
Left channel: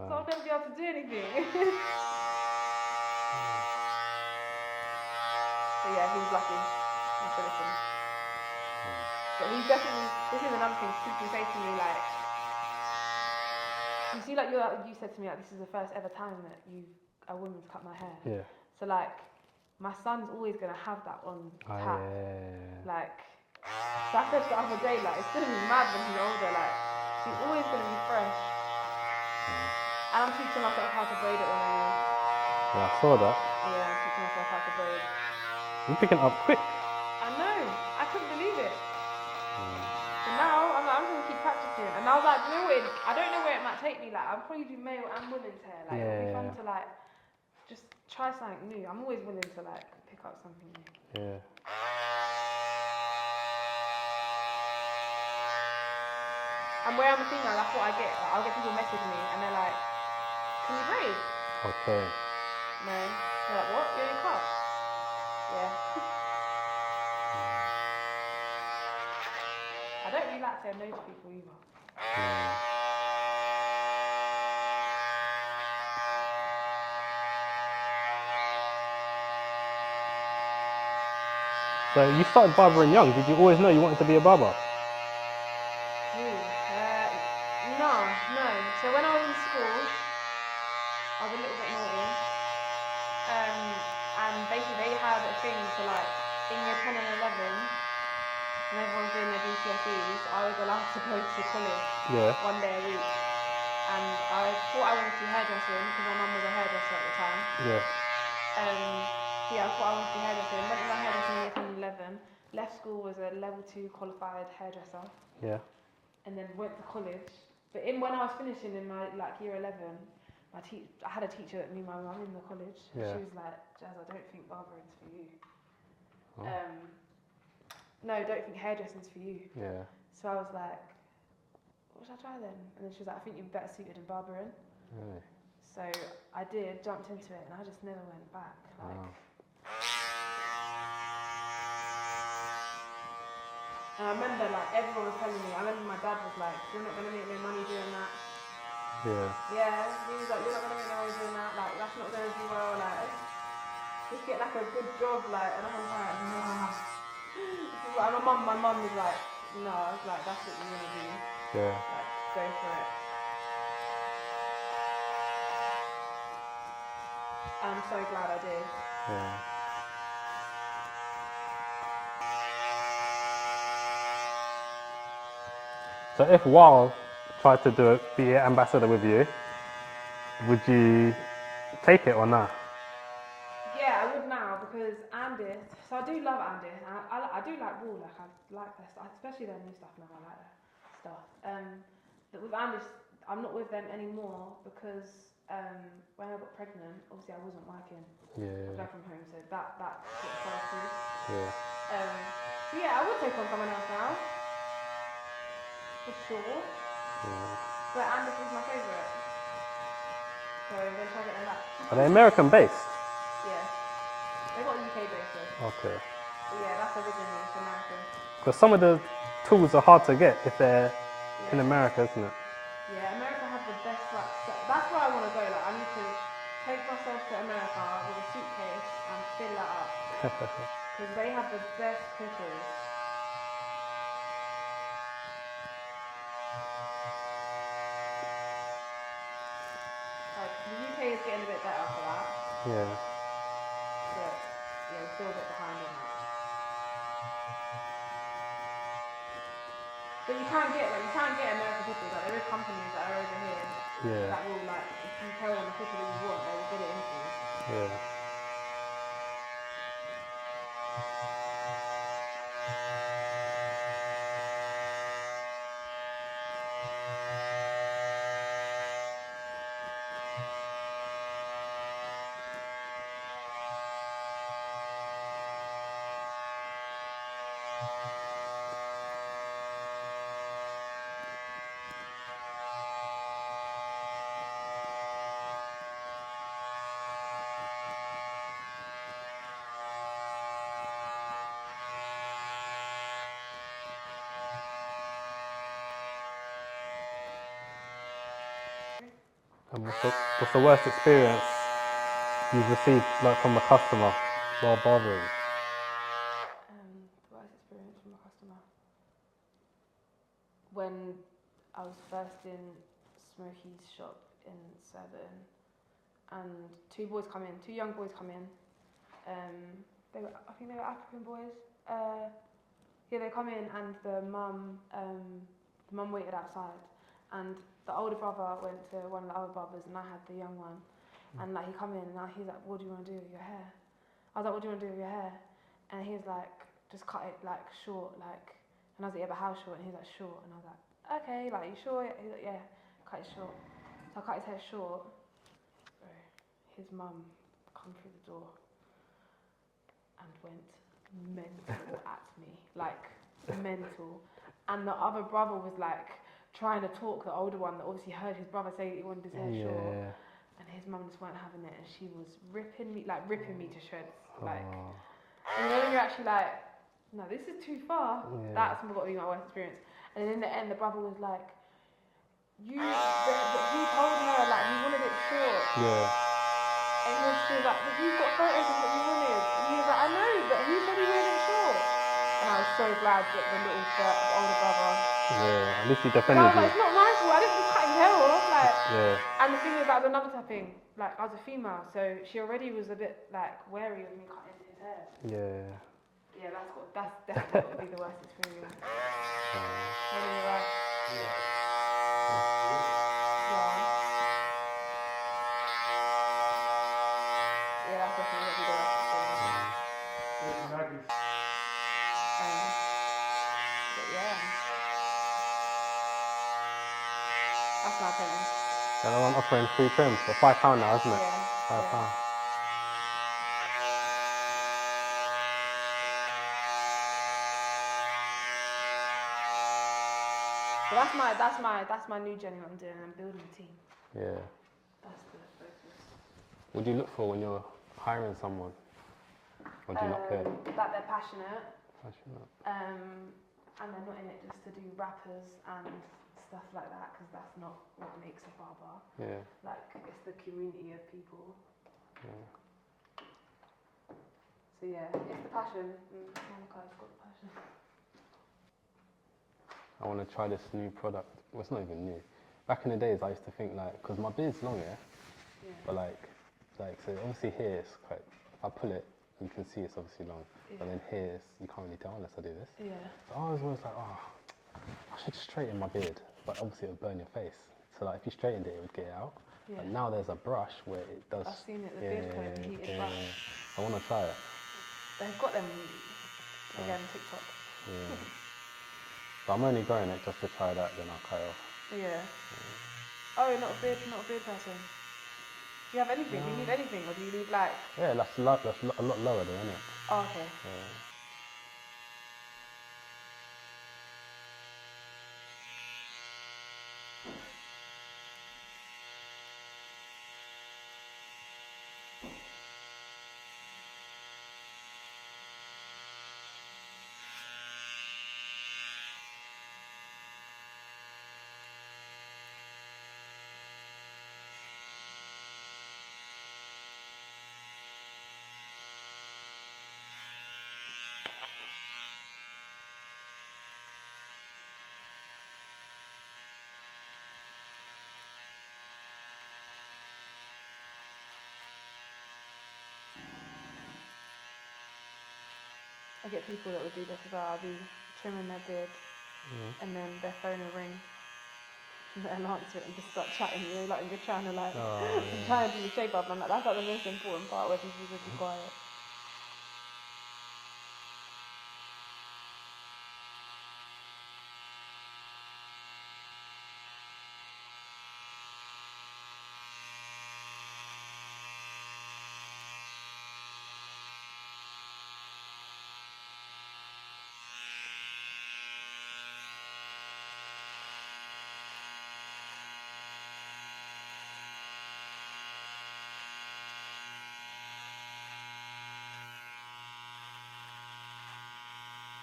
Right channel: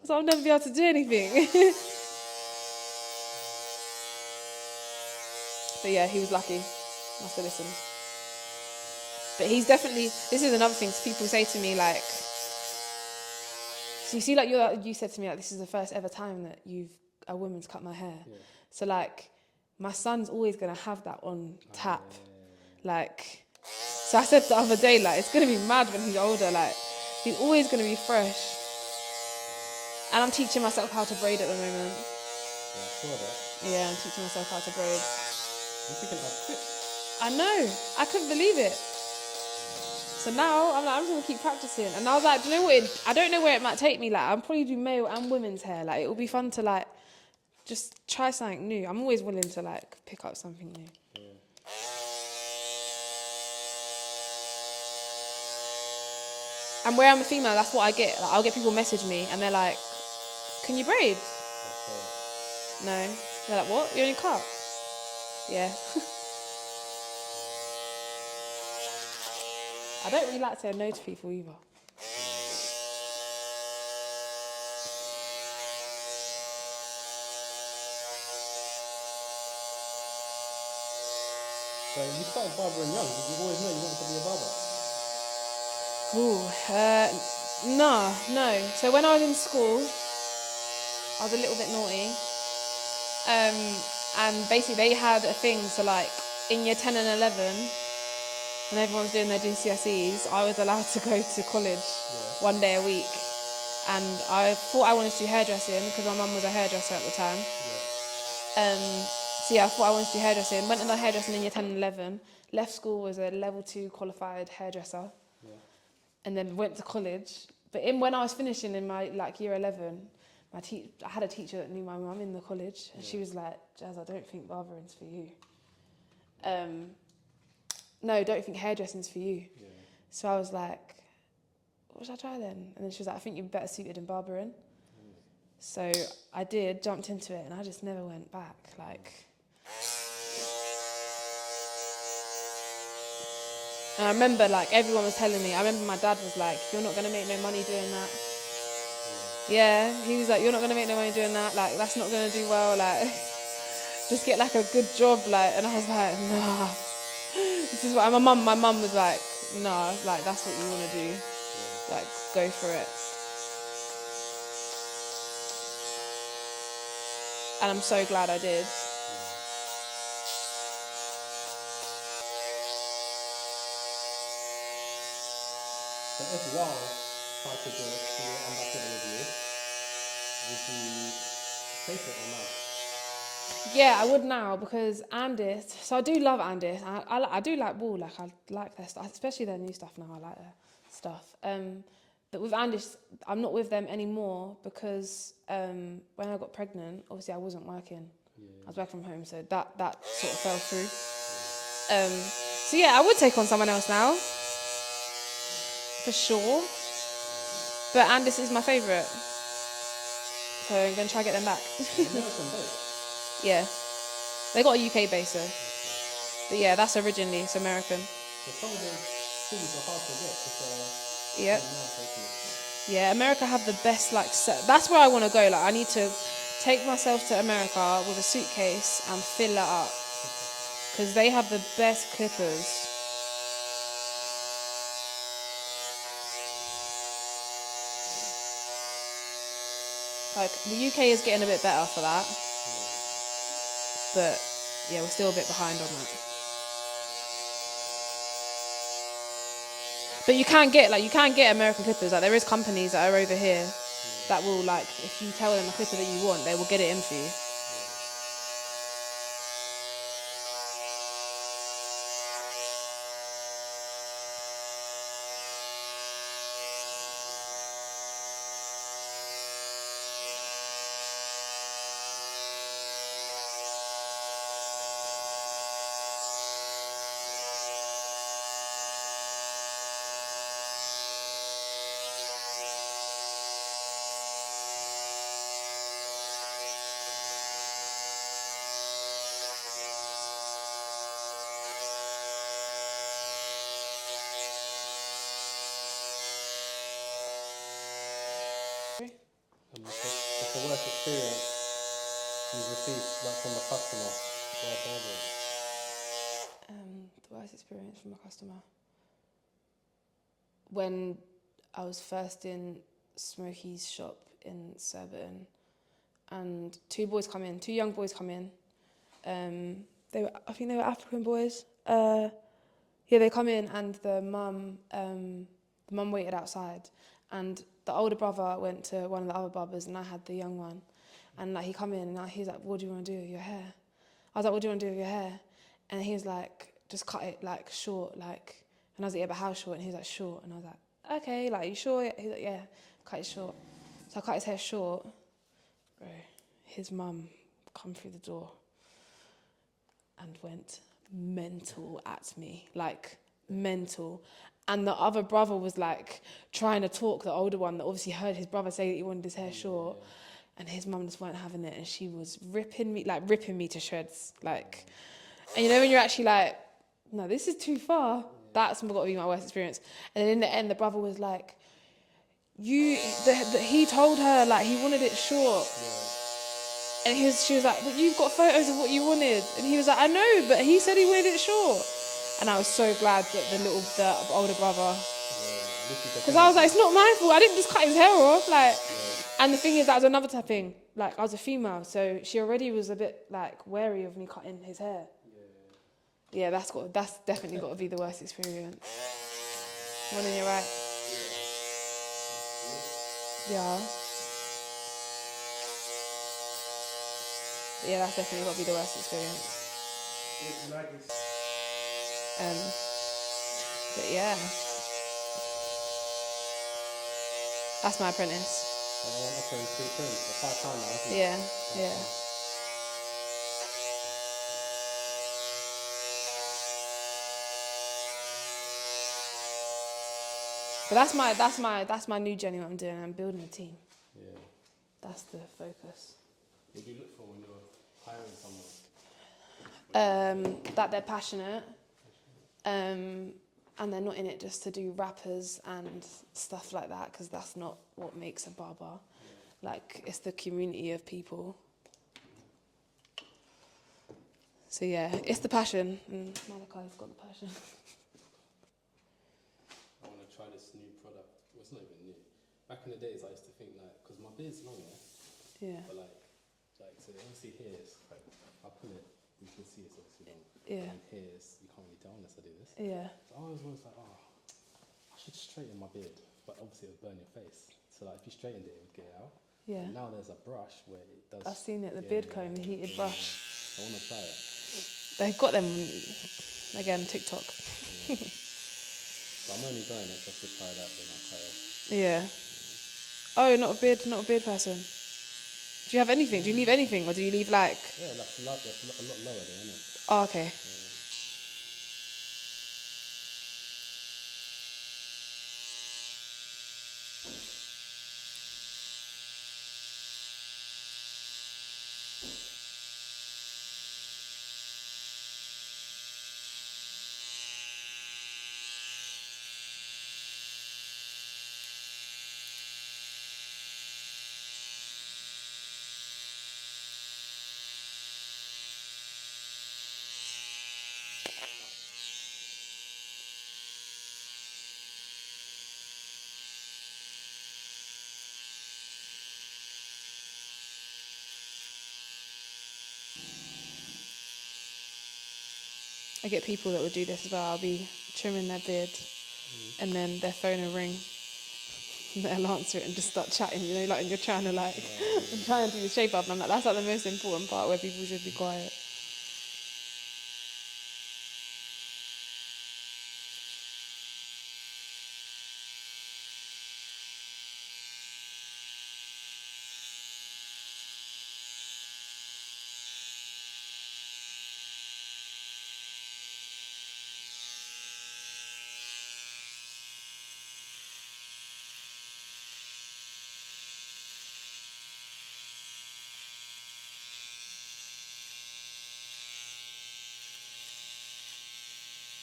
So I'll never be able to do anything. But yeah, he was lucky. I still listen. But he's definitely, this is another thing, people say to me like, so you see like you said to me like, this is the first ever time that a woman's cut my hair. Yeah. So like, my son's always going to have that on tap. Yeah. Like, so I said the other day, like, it's going to be mad when he's older. Like, he's always going to be fresh. And I'm teaching myself how to braid at the moment. Yeah, I saw that. Yeah, I'm teaching myself how to braid. You're picking up quick. I know. I couldn't believe it. So now I'm like, I'm just going to keep practicing. And I was like, do you know what? I don't know where it might take me. Like, I'll probably do male and women's hair. Like, it'll be fun to, like, just try something new. I'm always willing to, like, pick up something new. Yeah. And where I'm a female, that's what I get. Like, I'll get people message me and they're like, can you braid? Okay. No. They're like, what? You only cut? Yeah. I don't really like to say no to people either. So you started barbering young. Did you always know you wanted to be a barber? Ooh, no. So when I was in school, I was a little bit naughty. And basically they had a thing, so like in year 10 and 11, when everyone was doing their GCSEs, I was allowed to go to college 1 day a week. And I thought I wanted to do hairdressing because my mum was a hairdresser at the time. So yeah, I thought I wanted to do hairdressing. Went into hairdressing in year 10 and 11. Left school as a level 2 qualified hairdresser. Yeah. And then went to college. But when I was finishing in my year 11, I had a teacher that knew my mum in the college. And she was like, Jazz, I don't think barbering's for you. No, don't think hairdressing's for you. Yeah. So I was like, what should I try then? And then she was like, I think you're better suited in barbering. Really? So I did, jumped into it, and I just never went back. And I remember everyone was telling me, I remember my dad was like, you're not going to make no money doing that. Yeah, he was like, you're not going to make no money doing that. That's not going to do well. Just get a good job. And I was like, nah. This is what my mum was like, nah, that's what you want to do. Yeah. Go for it. And I'm so glad I did. Yeah. So if Wild tried to be an ambassador with you, would you take it or not? Yeah, I would now because Andis. So I do love Andis. I do like Wool. I like their stuff, especially their new stuff now. I like their stuff. But with Andis, I'm not with them anymore because when I got pregnant, obviously I wasn't working. Yeah. I was working from home, so that sort of fell through. Yeah. So yeah, I would take on someone else now, for sure. Yeah. But Andis is my favourite, so I'm gonna try to get them back. Are they American based? Yeah. They got a UK base though. Okay. But yeah, that's originally, it's American. Because some of the tools are hard to get if they're in America, isn't it? Yeah, America have the best that's where I want to go. I need to take myself to America with a suitcase and fill it up. Because they have the best clippers. The UK is getting a bit better for that. Yeah. But yeah, we're still a bit behind on that. But you can get American clippers. There is companies that are over here that will if you tell them a clipper that you want, they will get it in for you. Yeah. And what's the worst experience you've received like from a customer while barbering? The worst experience from a customer. When I was first in Smokey's shop in Surbiton, and two young boys come in. I think they were African boys. They come in, and the mum waited outside, and the older brother went to one of the other barbers, and I had the young one, and like he come in, and he's like, "What do you want to do with your hair?" I was like, "What do you want to do with your hair?" And he was like, "Just cut it like short, like." And I was like, "Yeah, but how short?" And he was like, "Short." And I was like, "Okay, like you sure?" He was like, "Yeah, cut it short." So I cut his hair short. Bro, his mum come through the door and went mental at me, like mental. And the other brother was like trying to talk the older one that obviously heard his brother say that he wanted his hair short, and his mum just weren't having it, and she was ripping me to shreds, like. And you know when you're actually like, no, this is too far. That's got to be my worst experience. And then in the end, the brother was like, he told her like he wanted it short. Yeah. And she was like, "But you've got photos of what you wanted." And he was like, "I know, but he said he wanted it short." And I was so glad that the older brother. Yeah, at least he Because defended I was like, you. "It's not my fault. I didn't just cut his hair off." Like, Yeah. and the thing is, that was another thing. Like, I was a female, so she already was a bit like wary of me cutting his hair. Yeah. Yeah, that's definitely got to be the worst experience. When you're right. Yeah. Yeah, that's definitely got to be the worst experience. But yeah, that's my apprentice. And I'm offering free trim for £5 now, isn't it? Yeah, £5. yeah. But that's my new journey. What I'm doing. I'm building a team. Yeah. That's the focus. What do you look for when you're hiring someone? What do you look for? That they're passionate. Passionate. And they're not in it just to do rappers and stuff like that, because that's not what makes a barber. Yeah. Like, it's the community of people. Yeah. So yeah, it's the passion. Malachi's got the passion. I want to try this new product. Well, it's not even new. Back in the days, I used to think like, because my beard's long, Yeah. but like, so obviously here it's quite. If I pull it, you can see it's obviously long. Yeah. And then here you can't really tell unless I do this. Yeah. So I was always like, I should straighten my beard, but obviously it would burn your face. So like, if you straightened it, it would get it out. Yeah. But now there's a brush where it does. I've seen it, the beard comb, the heated brush. I want to try it. They've got them again, TikTok. Yeah. So I'm only growing it just to try that, then I'll cut it off. Yeah. Oh, you're not a beard person. Do you have anything? Do you leave anything, or do you leave like? Yeah, that's a lot lower there, isn't it? Oh, okay. Yeah. I get people that will do this as well. I'll be trimming their beard, and then their phone will ring, and they'll answer it and just start chatting. You know, like you're trying to like, I'm trying to do the shape up. And I'm like, that's like the most important part where people should be quiet.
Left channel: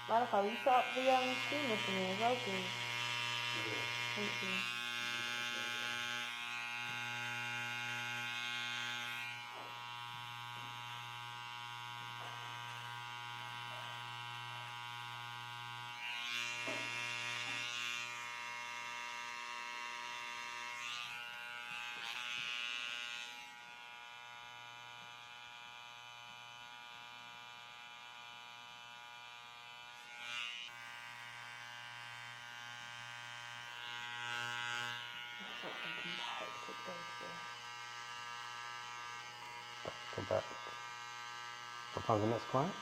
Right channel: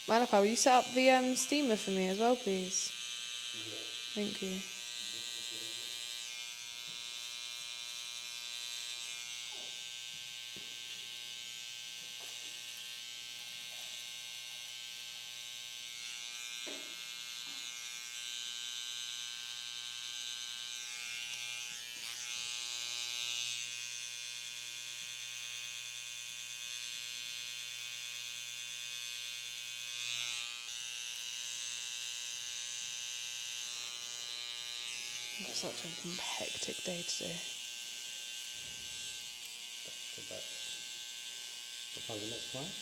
Malika, will you set up the steamer for me as well, please? Thank you. It's such a hectic day today. Come back. What time's the next client?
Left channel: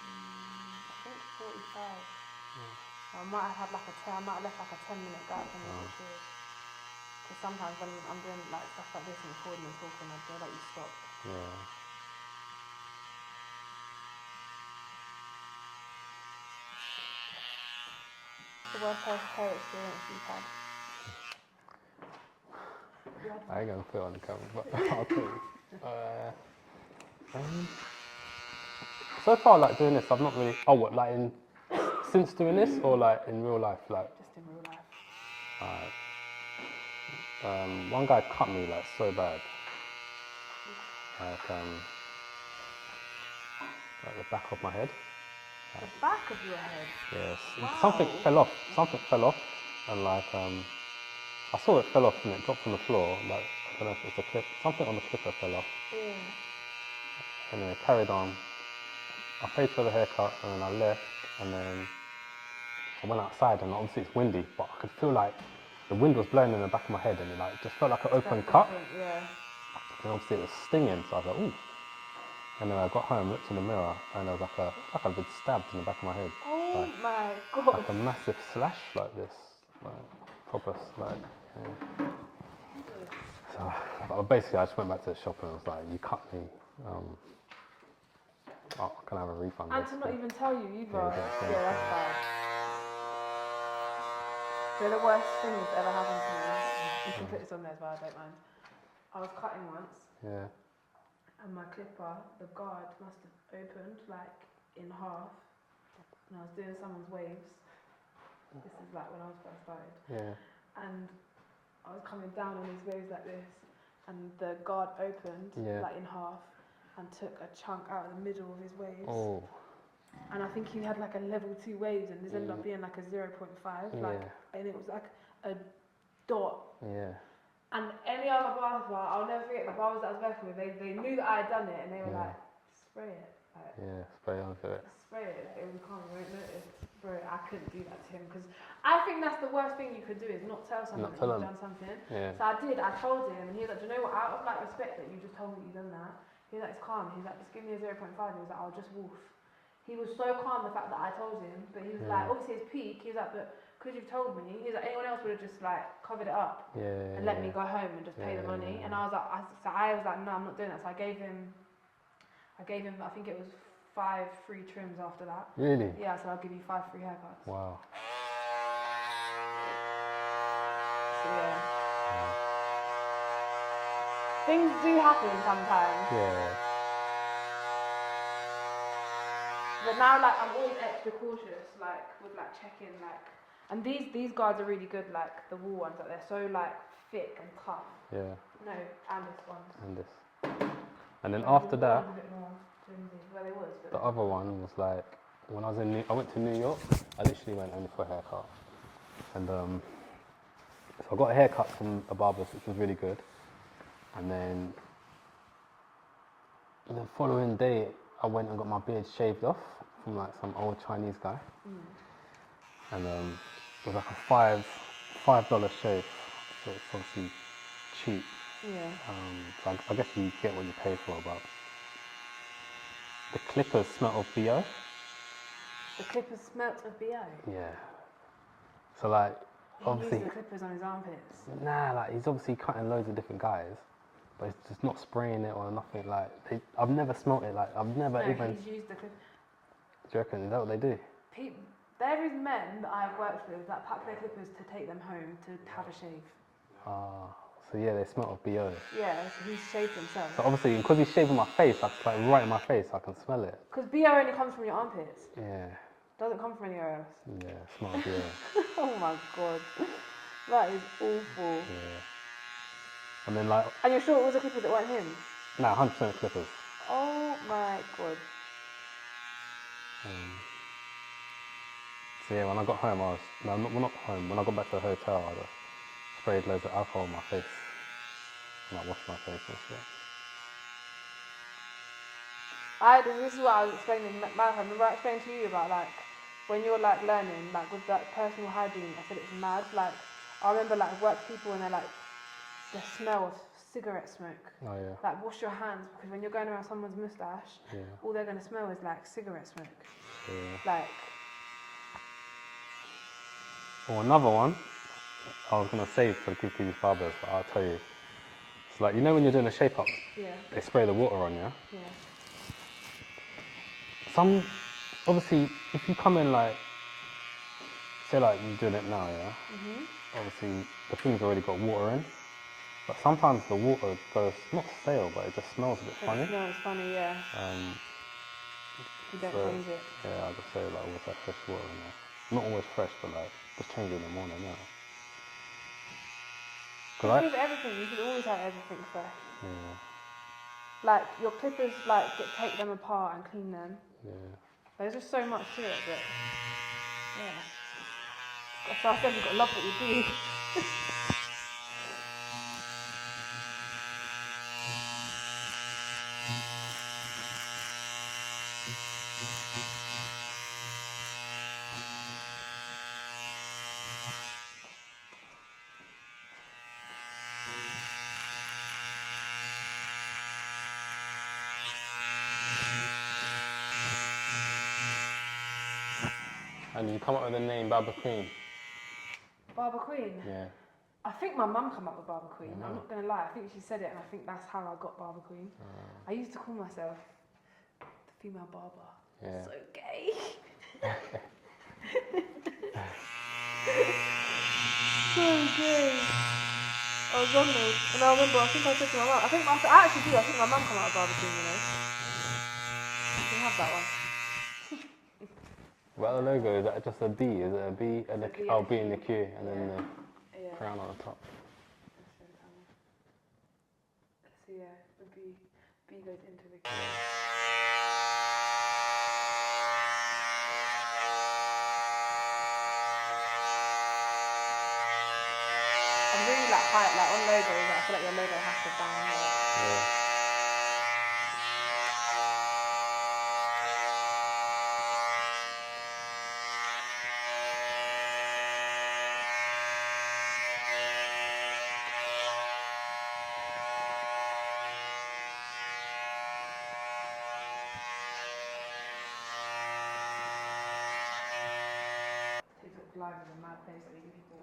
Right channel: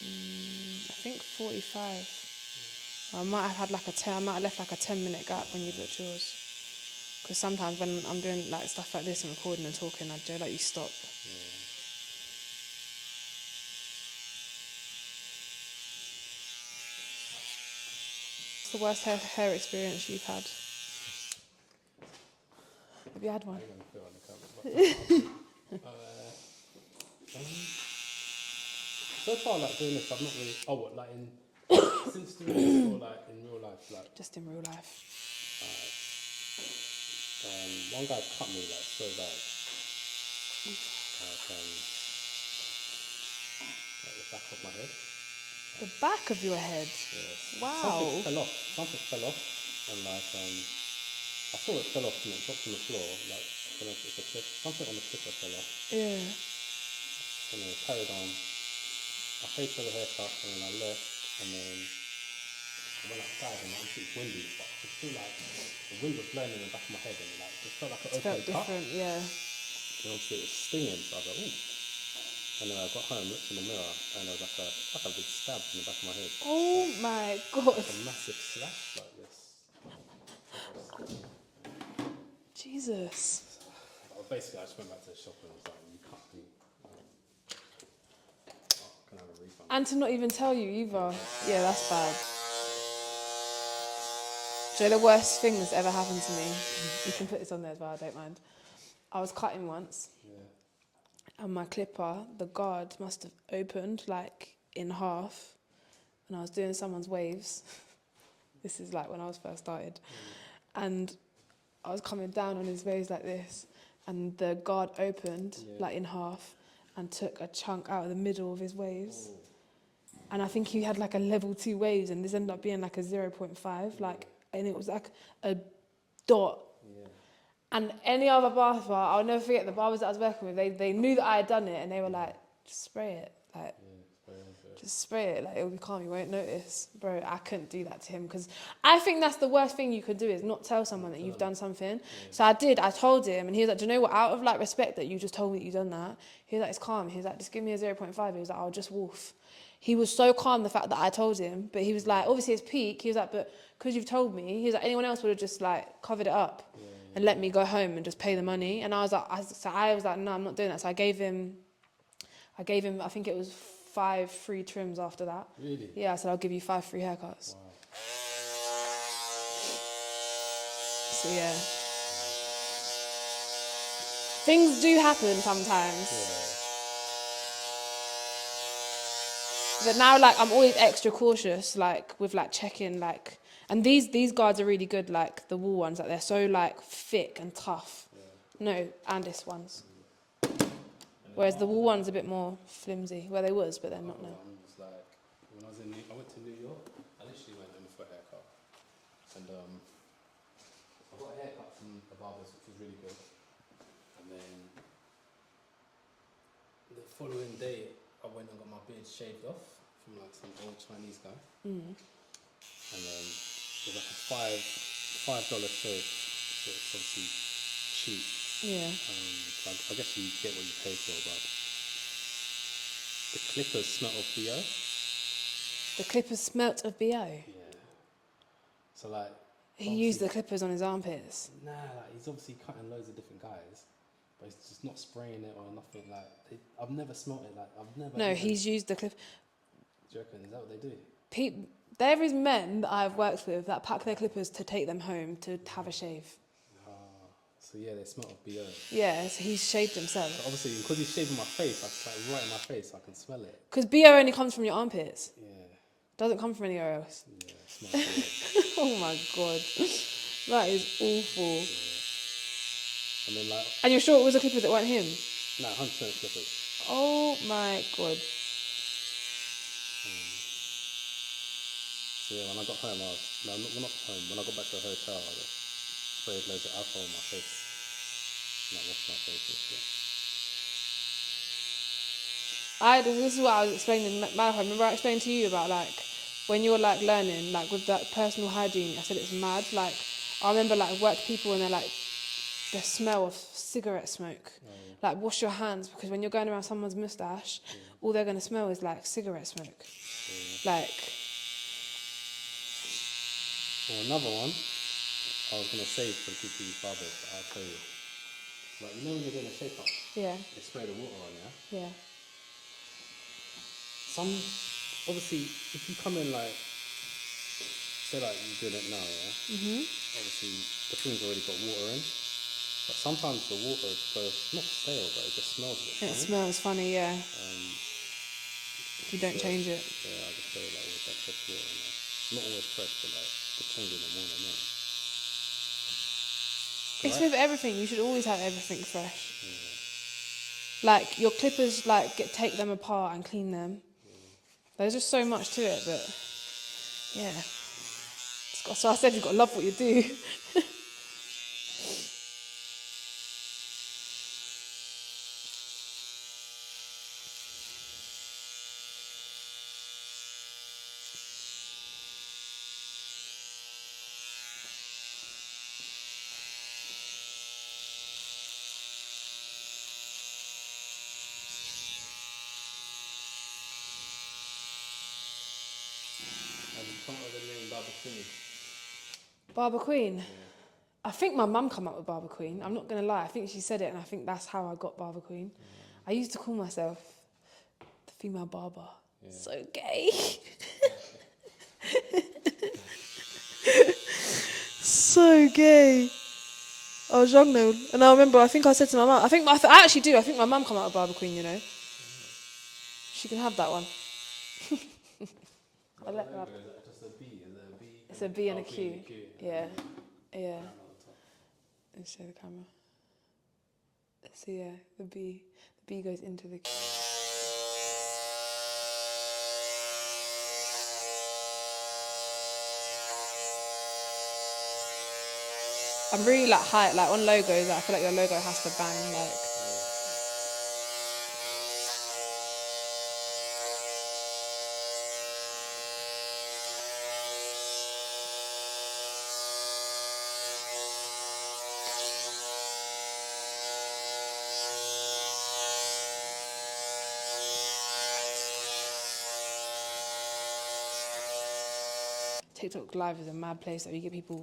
I think 45. I might have had like I might have left like a 10-minute gap when you did yours. Because sometimes when I'm doing like stuff like this and recording and talking, I do let you stop. Yeah. What's the worst hair experience you've had? Have you had one? I ain't gonna put it on the camera, but I'll tell you. So far, like doing this, I've not really. Oh, what, like in since doing this, or like in real life, like. Just in real life. One guy cut me like so bad, like the back of my head. The back of your head? Yes. Wow. Something fell off. And like I saw it fell off and it dropped on the floor. Like I don't know if it's a clip. Something on the clipper fell off. Yeah. And then it carried on. I paid for the haircut and then I left and then I went outside and obviously it's windy, but I could feel like the wind was blowing in the back of my head and it like just felt like an open cut. Yeah. And obviously it was stinging, so I was like, ooh. And then I got home, looked in the mirror, and there was like a good stab in the back of my head. Oh like, my god. like a massive slash like this. Like, proper like, yeah. Jesus. So basically I just went back to the shop and I was like, you cut me. Can I have a refund? And to not even tell you either. Yeah, that's bad. Do you know the worst thing that's ever happened to me? You can put this on there as well, I don't mind. I was cutting once. Yeah. And my clipper, the guard must have opened like in half. And I was doing someone's waves. This is like when I was first started. Yeah. And I was coming down on his waves like this. And the guard opened like in half and took a chunk out of the middle of his waves. Oh. And I think he had like a level 2 waves and this ended up being like a 0.5. Like, and it was like a dot. Yeah. And any other barber, I'll never forget the barbers that I was working with, they knew that I had done it and they were like, just spray it. Like, spray onto it. Just spray it, like it'll be calm, you won't notice. Bro, I couldn't do that to him because I think that's the worst thing you could do is not tell someone that you've done something. Yeah. So I told him and he was like, do you know what, out of like respect that you just told me that you've done that, he was like, it's calm. He was like, just give me a 0.5. He was like, I'll just wolf. He was so calm the fact that I told him, but he was like, obviously it's peak. He was like, but because you've told me, he was like, anyone else would have just like covered it up and let me go home and just pay the money. And I was like, no, I'm not doing that. So I gave him, I think it was 5 free trims after that. Really? Yeah, I said I'll give you 5 free haircuts. Wow. So yeah. Things do happen sometimes. Yeah. But now, like, I'm always extra cautious, like, with, like, checking, like... And these guards are really good, like, the wool ones. Like, they're so, like, thick and tough. Yeah. No, and this ones. And this. And then whereas the wool that, one's a bit more flimsy. Well, they was, but the other one was, like, when I was I went to New York. I literally went only for a haircut. And, so I got a haircut from a barber's, which was really good. And then the following day, I went and got my beard shaved off from like some old Chinese guy. And it was like a $5 shave, so it's obviously cheap. Yeah. So I guess you get what you pay for, but the clippers smelt of BO. The clippers smelt of BO? Yeah. So like... He used the clippers on his armpits? Nah, like he's obviously cutting loads of different guys. But it's just not spraying it or nothing. Like I've never smelt it. Like I've never. No, he's used the clip. Do you reckon? Is that what they do? There is men that I've worked with that pack their clippers to take them home to have a shave. So yeah, they smell of BO. Yeah, so he's shaved himself. So obviously, because he's shaving my face, like right in my face, I can smell it. Because BO only comes from your armpits. Yeah. Doesn't come from anywhere else. Yeah, it smells BO. Oh my god. That is awful. Yeah. And then like, And you're sure it was the clippers that weren't him? nah, 100% clippers. Oh my god. So yeah, when I got home, well, not home, when I got back to the hotel, I just sprayed loads of alcohol on my face. And I washed my face and shit. This is what I was explaining, Malachi, remember I explained to you about like, when you're like learning, like with that personal hygiene, I said it's mad. Like, I remember like work people and they're like, the smell of cigarette smoke. Oh yeah. Like wash your hands, because when you're going around someone's moustache, all they're going to smell is like cigarette smoke. Yeah. Like, Well, another one, I was going to save for the people who barbers, but I'll tell you. It's like, you know when you're doing a shape up, yeah, they spray the water on you. yeah. Some, obviously, if you come in like, say like you're doing it now, yeah? Obviously, the food's already got water in, but sometimes the water goes, not stale, but it just smells a bit funny. It smells funny, yeah. If you don't So, change it. Yeah, I'll just say like, always have fresh water in there. Not always fresh, but like, just change it in the morning, yeah. It's with everything, you should always have everything fresh. Yeah. Like, your clippers, like, take them apart and clean them. Yeah. There's just so much to it, but, yeah. So I said you've got to love what you do. And you come up with the name BarberQueens. Barber Queen? Yeah. I think my mum came up with Barber Queen. I'm not going to lie. I think she said it and I think that's how I got Barber Queen. I used to call myself the female barber. Yeah. So gay. So gay. I was young though. And I remember, I think I said to my mum, I actually do. I think my mum came out with Barber Queen, you know. She can have that one. What the logo, is that just a D? Is it a B? It's a B Oh, and a B Q. and a Q. And then Yeah. the crown on the top. Let's show the camera. So yeah, the B goes into the Q. I'm really like high, like on logos, like, I feel like your logo has to bang, like. Yeah. TikTok Live is a mad place that we get people.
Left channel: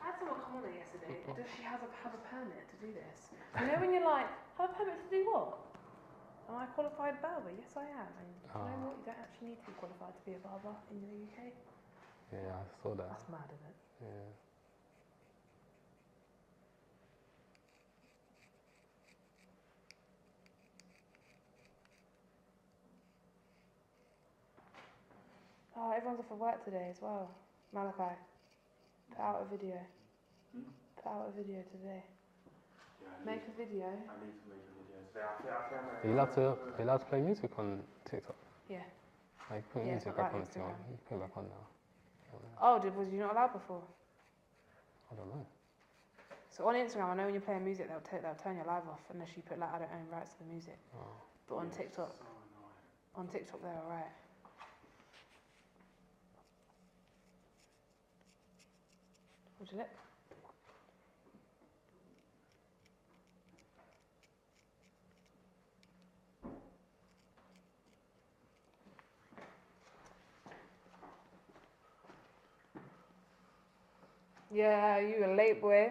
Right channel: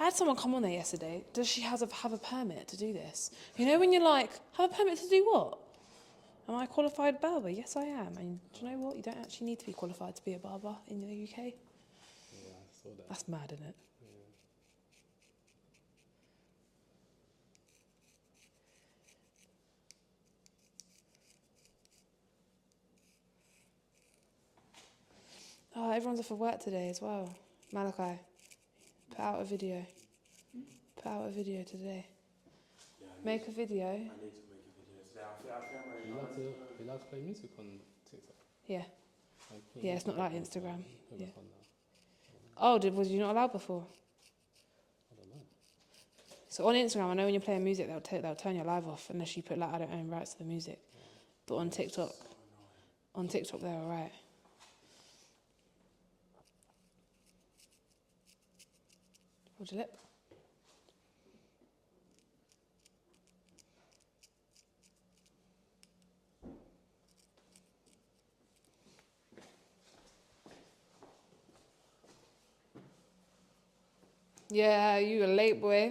I had someone come on there yesterday. Does she have a permit to do this? You know when you're like, have a permit to do what? Am I a qualified barber? Yes, I am. And do you know what? You don't actually need to be qualified to be a barber in the UK. Yeah, I saw that. That's mad, isn't it? Yeah. Oh, everyone's off of work today as well. Malachi, put out a video. Put out a video today. Make a video. I need to make a video today. Are you allowed to play music on TikTok? Yeah. Like, put Yeah, it's music not back like on if you want. Instagram. You put it back on now. Oh, was you not allowed before? I don't know. So on Instagram, I know when you're playing music, they'll turn your live off unless you put like, I don't own rights to the music. But on TikTok, they're alright. What'd you lip? Yeah, you a late boy.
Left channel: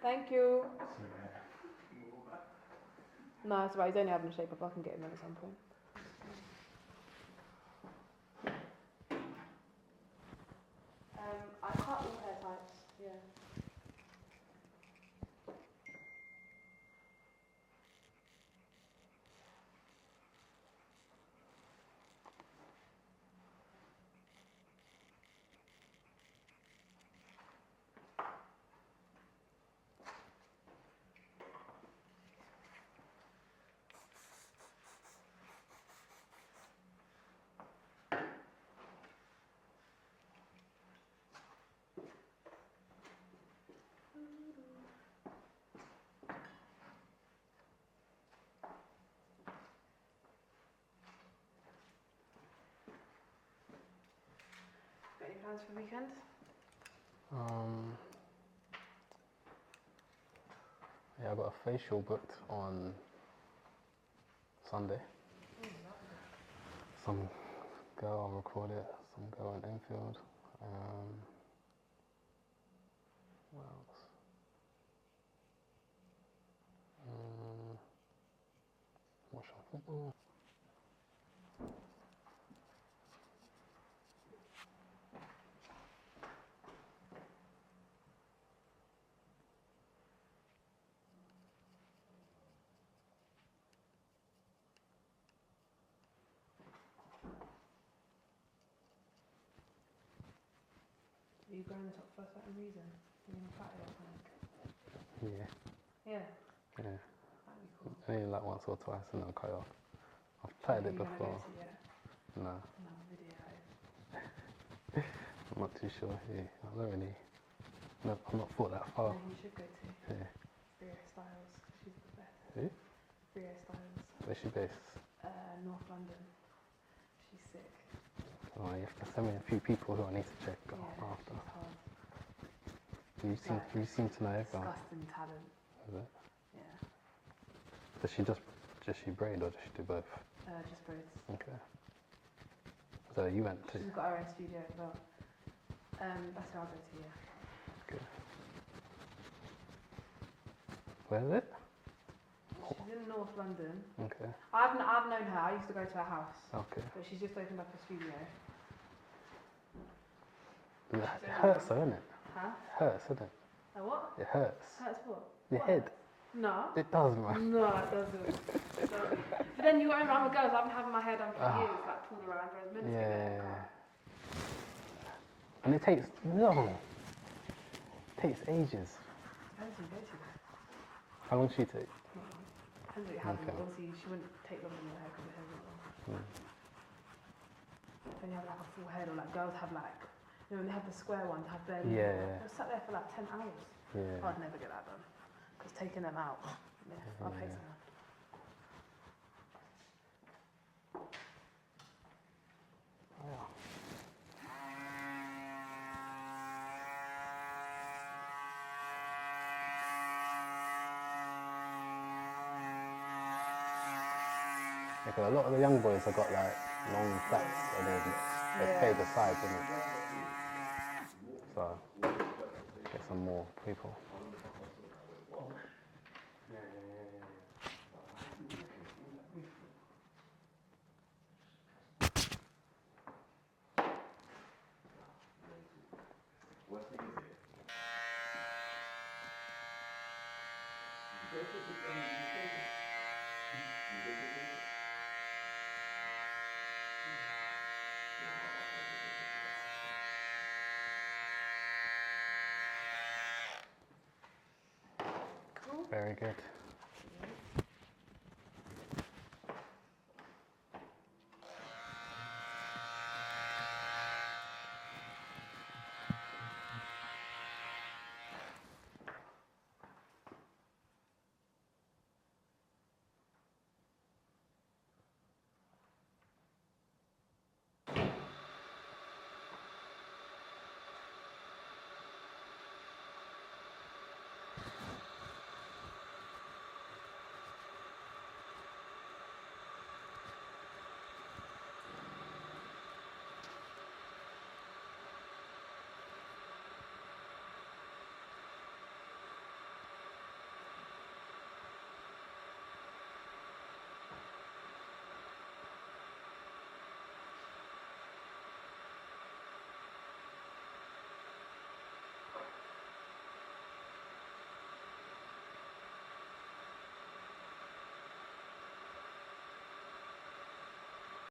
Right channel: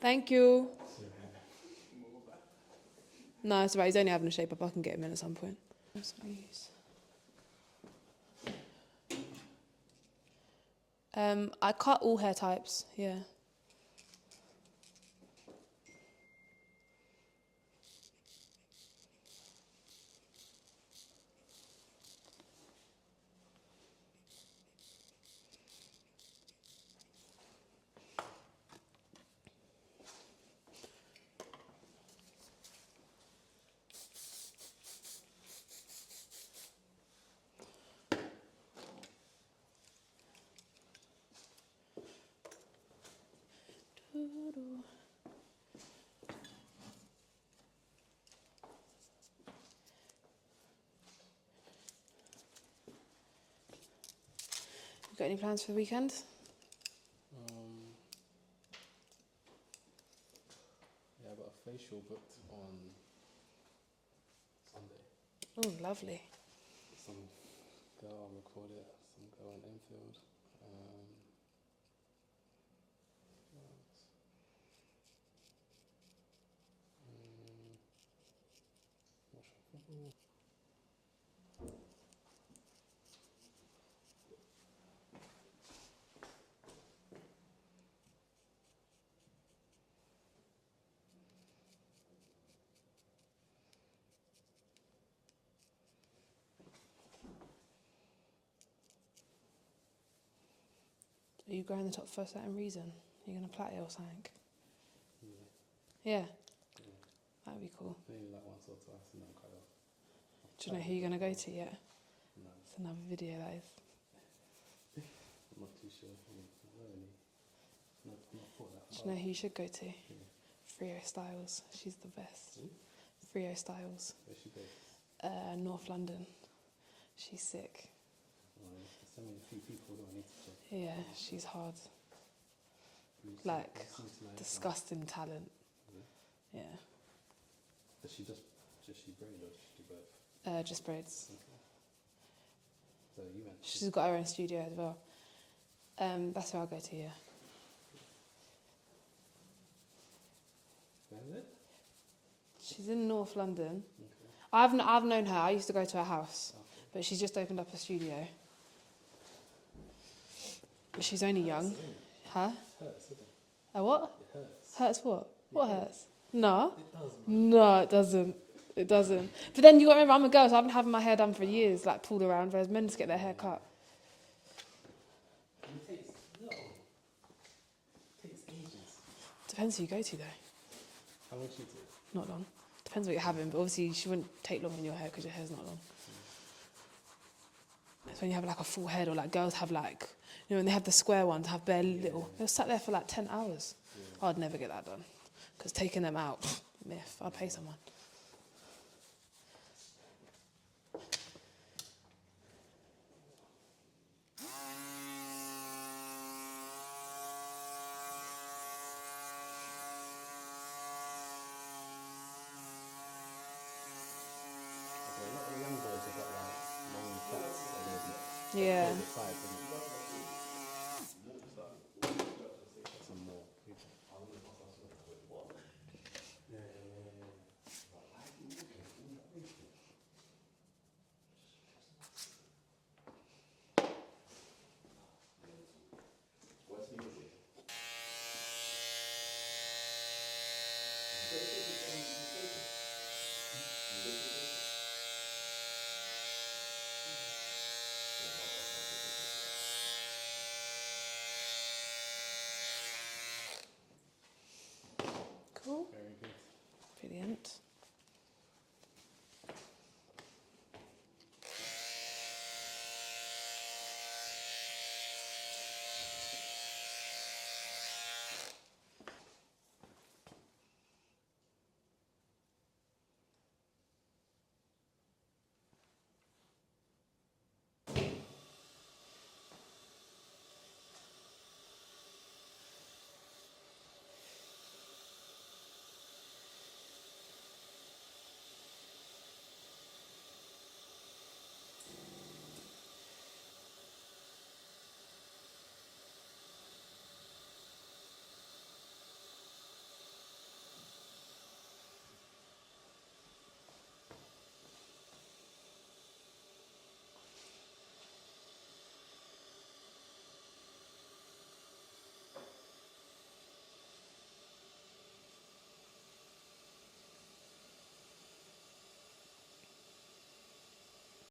Thank you. No, it's alright. He's only having a shape up. I can get him in at some point. I cut all hair types, yeah. Got any plans for the weekend? Yeah, I got a facial booked on Sunday. Oh, lovely. Some girl recorded, some girl in Enfield. What else? Watch some football. Are you growing the top for a certain reason? Are you going to plait it or something? Yeah. Yeah, Yeah. that'd be cool. Maybe like once or twice and then I'll cut it off. I've Do you know tried who it you're going to go before. to yet? No, It's another video that is. I'm not too sure who. I don't really. No, I've not thought that Do you far. know who you should go to? Yeah. Frio Styles. She's the best. Who? Frio Styles. Where's she based? North London. She's sick. Oh, you have to send me a few people who I need to check out Yeah, after. she's hard. You seem to know everyone. Disgusting talent. Is it? Yeah. Does she just she braid or does she do both? Just braids. Okay. So you went to. She's got her own studio as well. That's where I'll go to, yeah. Okay. Where is it? She's in North London. Okay. I've known her. I used to go to her house, Okay. but she's just opened up a studio. But It she's only hurts, young. though, isn't it? Huh? Hurts, isn't it? A what? It hurts. Hurts what? Your What head. hurts? No. It does, man. No, it doesn't. It doesn't. But then you got to remember, I'm a girl, so I've been having my hair done for years, like pulled around, whereas men just get their hair cut. And it takes long. It takes ages. Depends who you go to, though. How long should it take? Not long. Depends what you're having, Okay. but obviously she wouldn't take long on your hair because your hair's not long. It's when you have like a full head, or like girls have like, you know, when they have the square ones, have bare little. They'll sat there for like 10 hours. Yeah. I'd never get that done. Because taking them out, myth. I'd pay someone. Because a lot of the young boys have got like long plaits and then they play the sides, isn't it? So get some more people.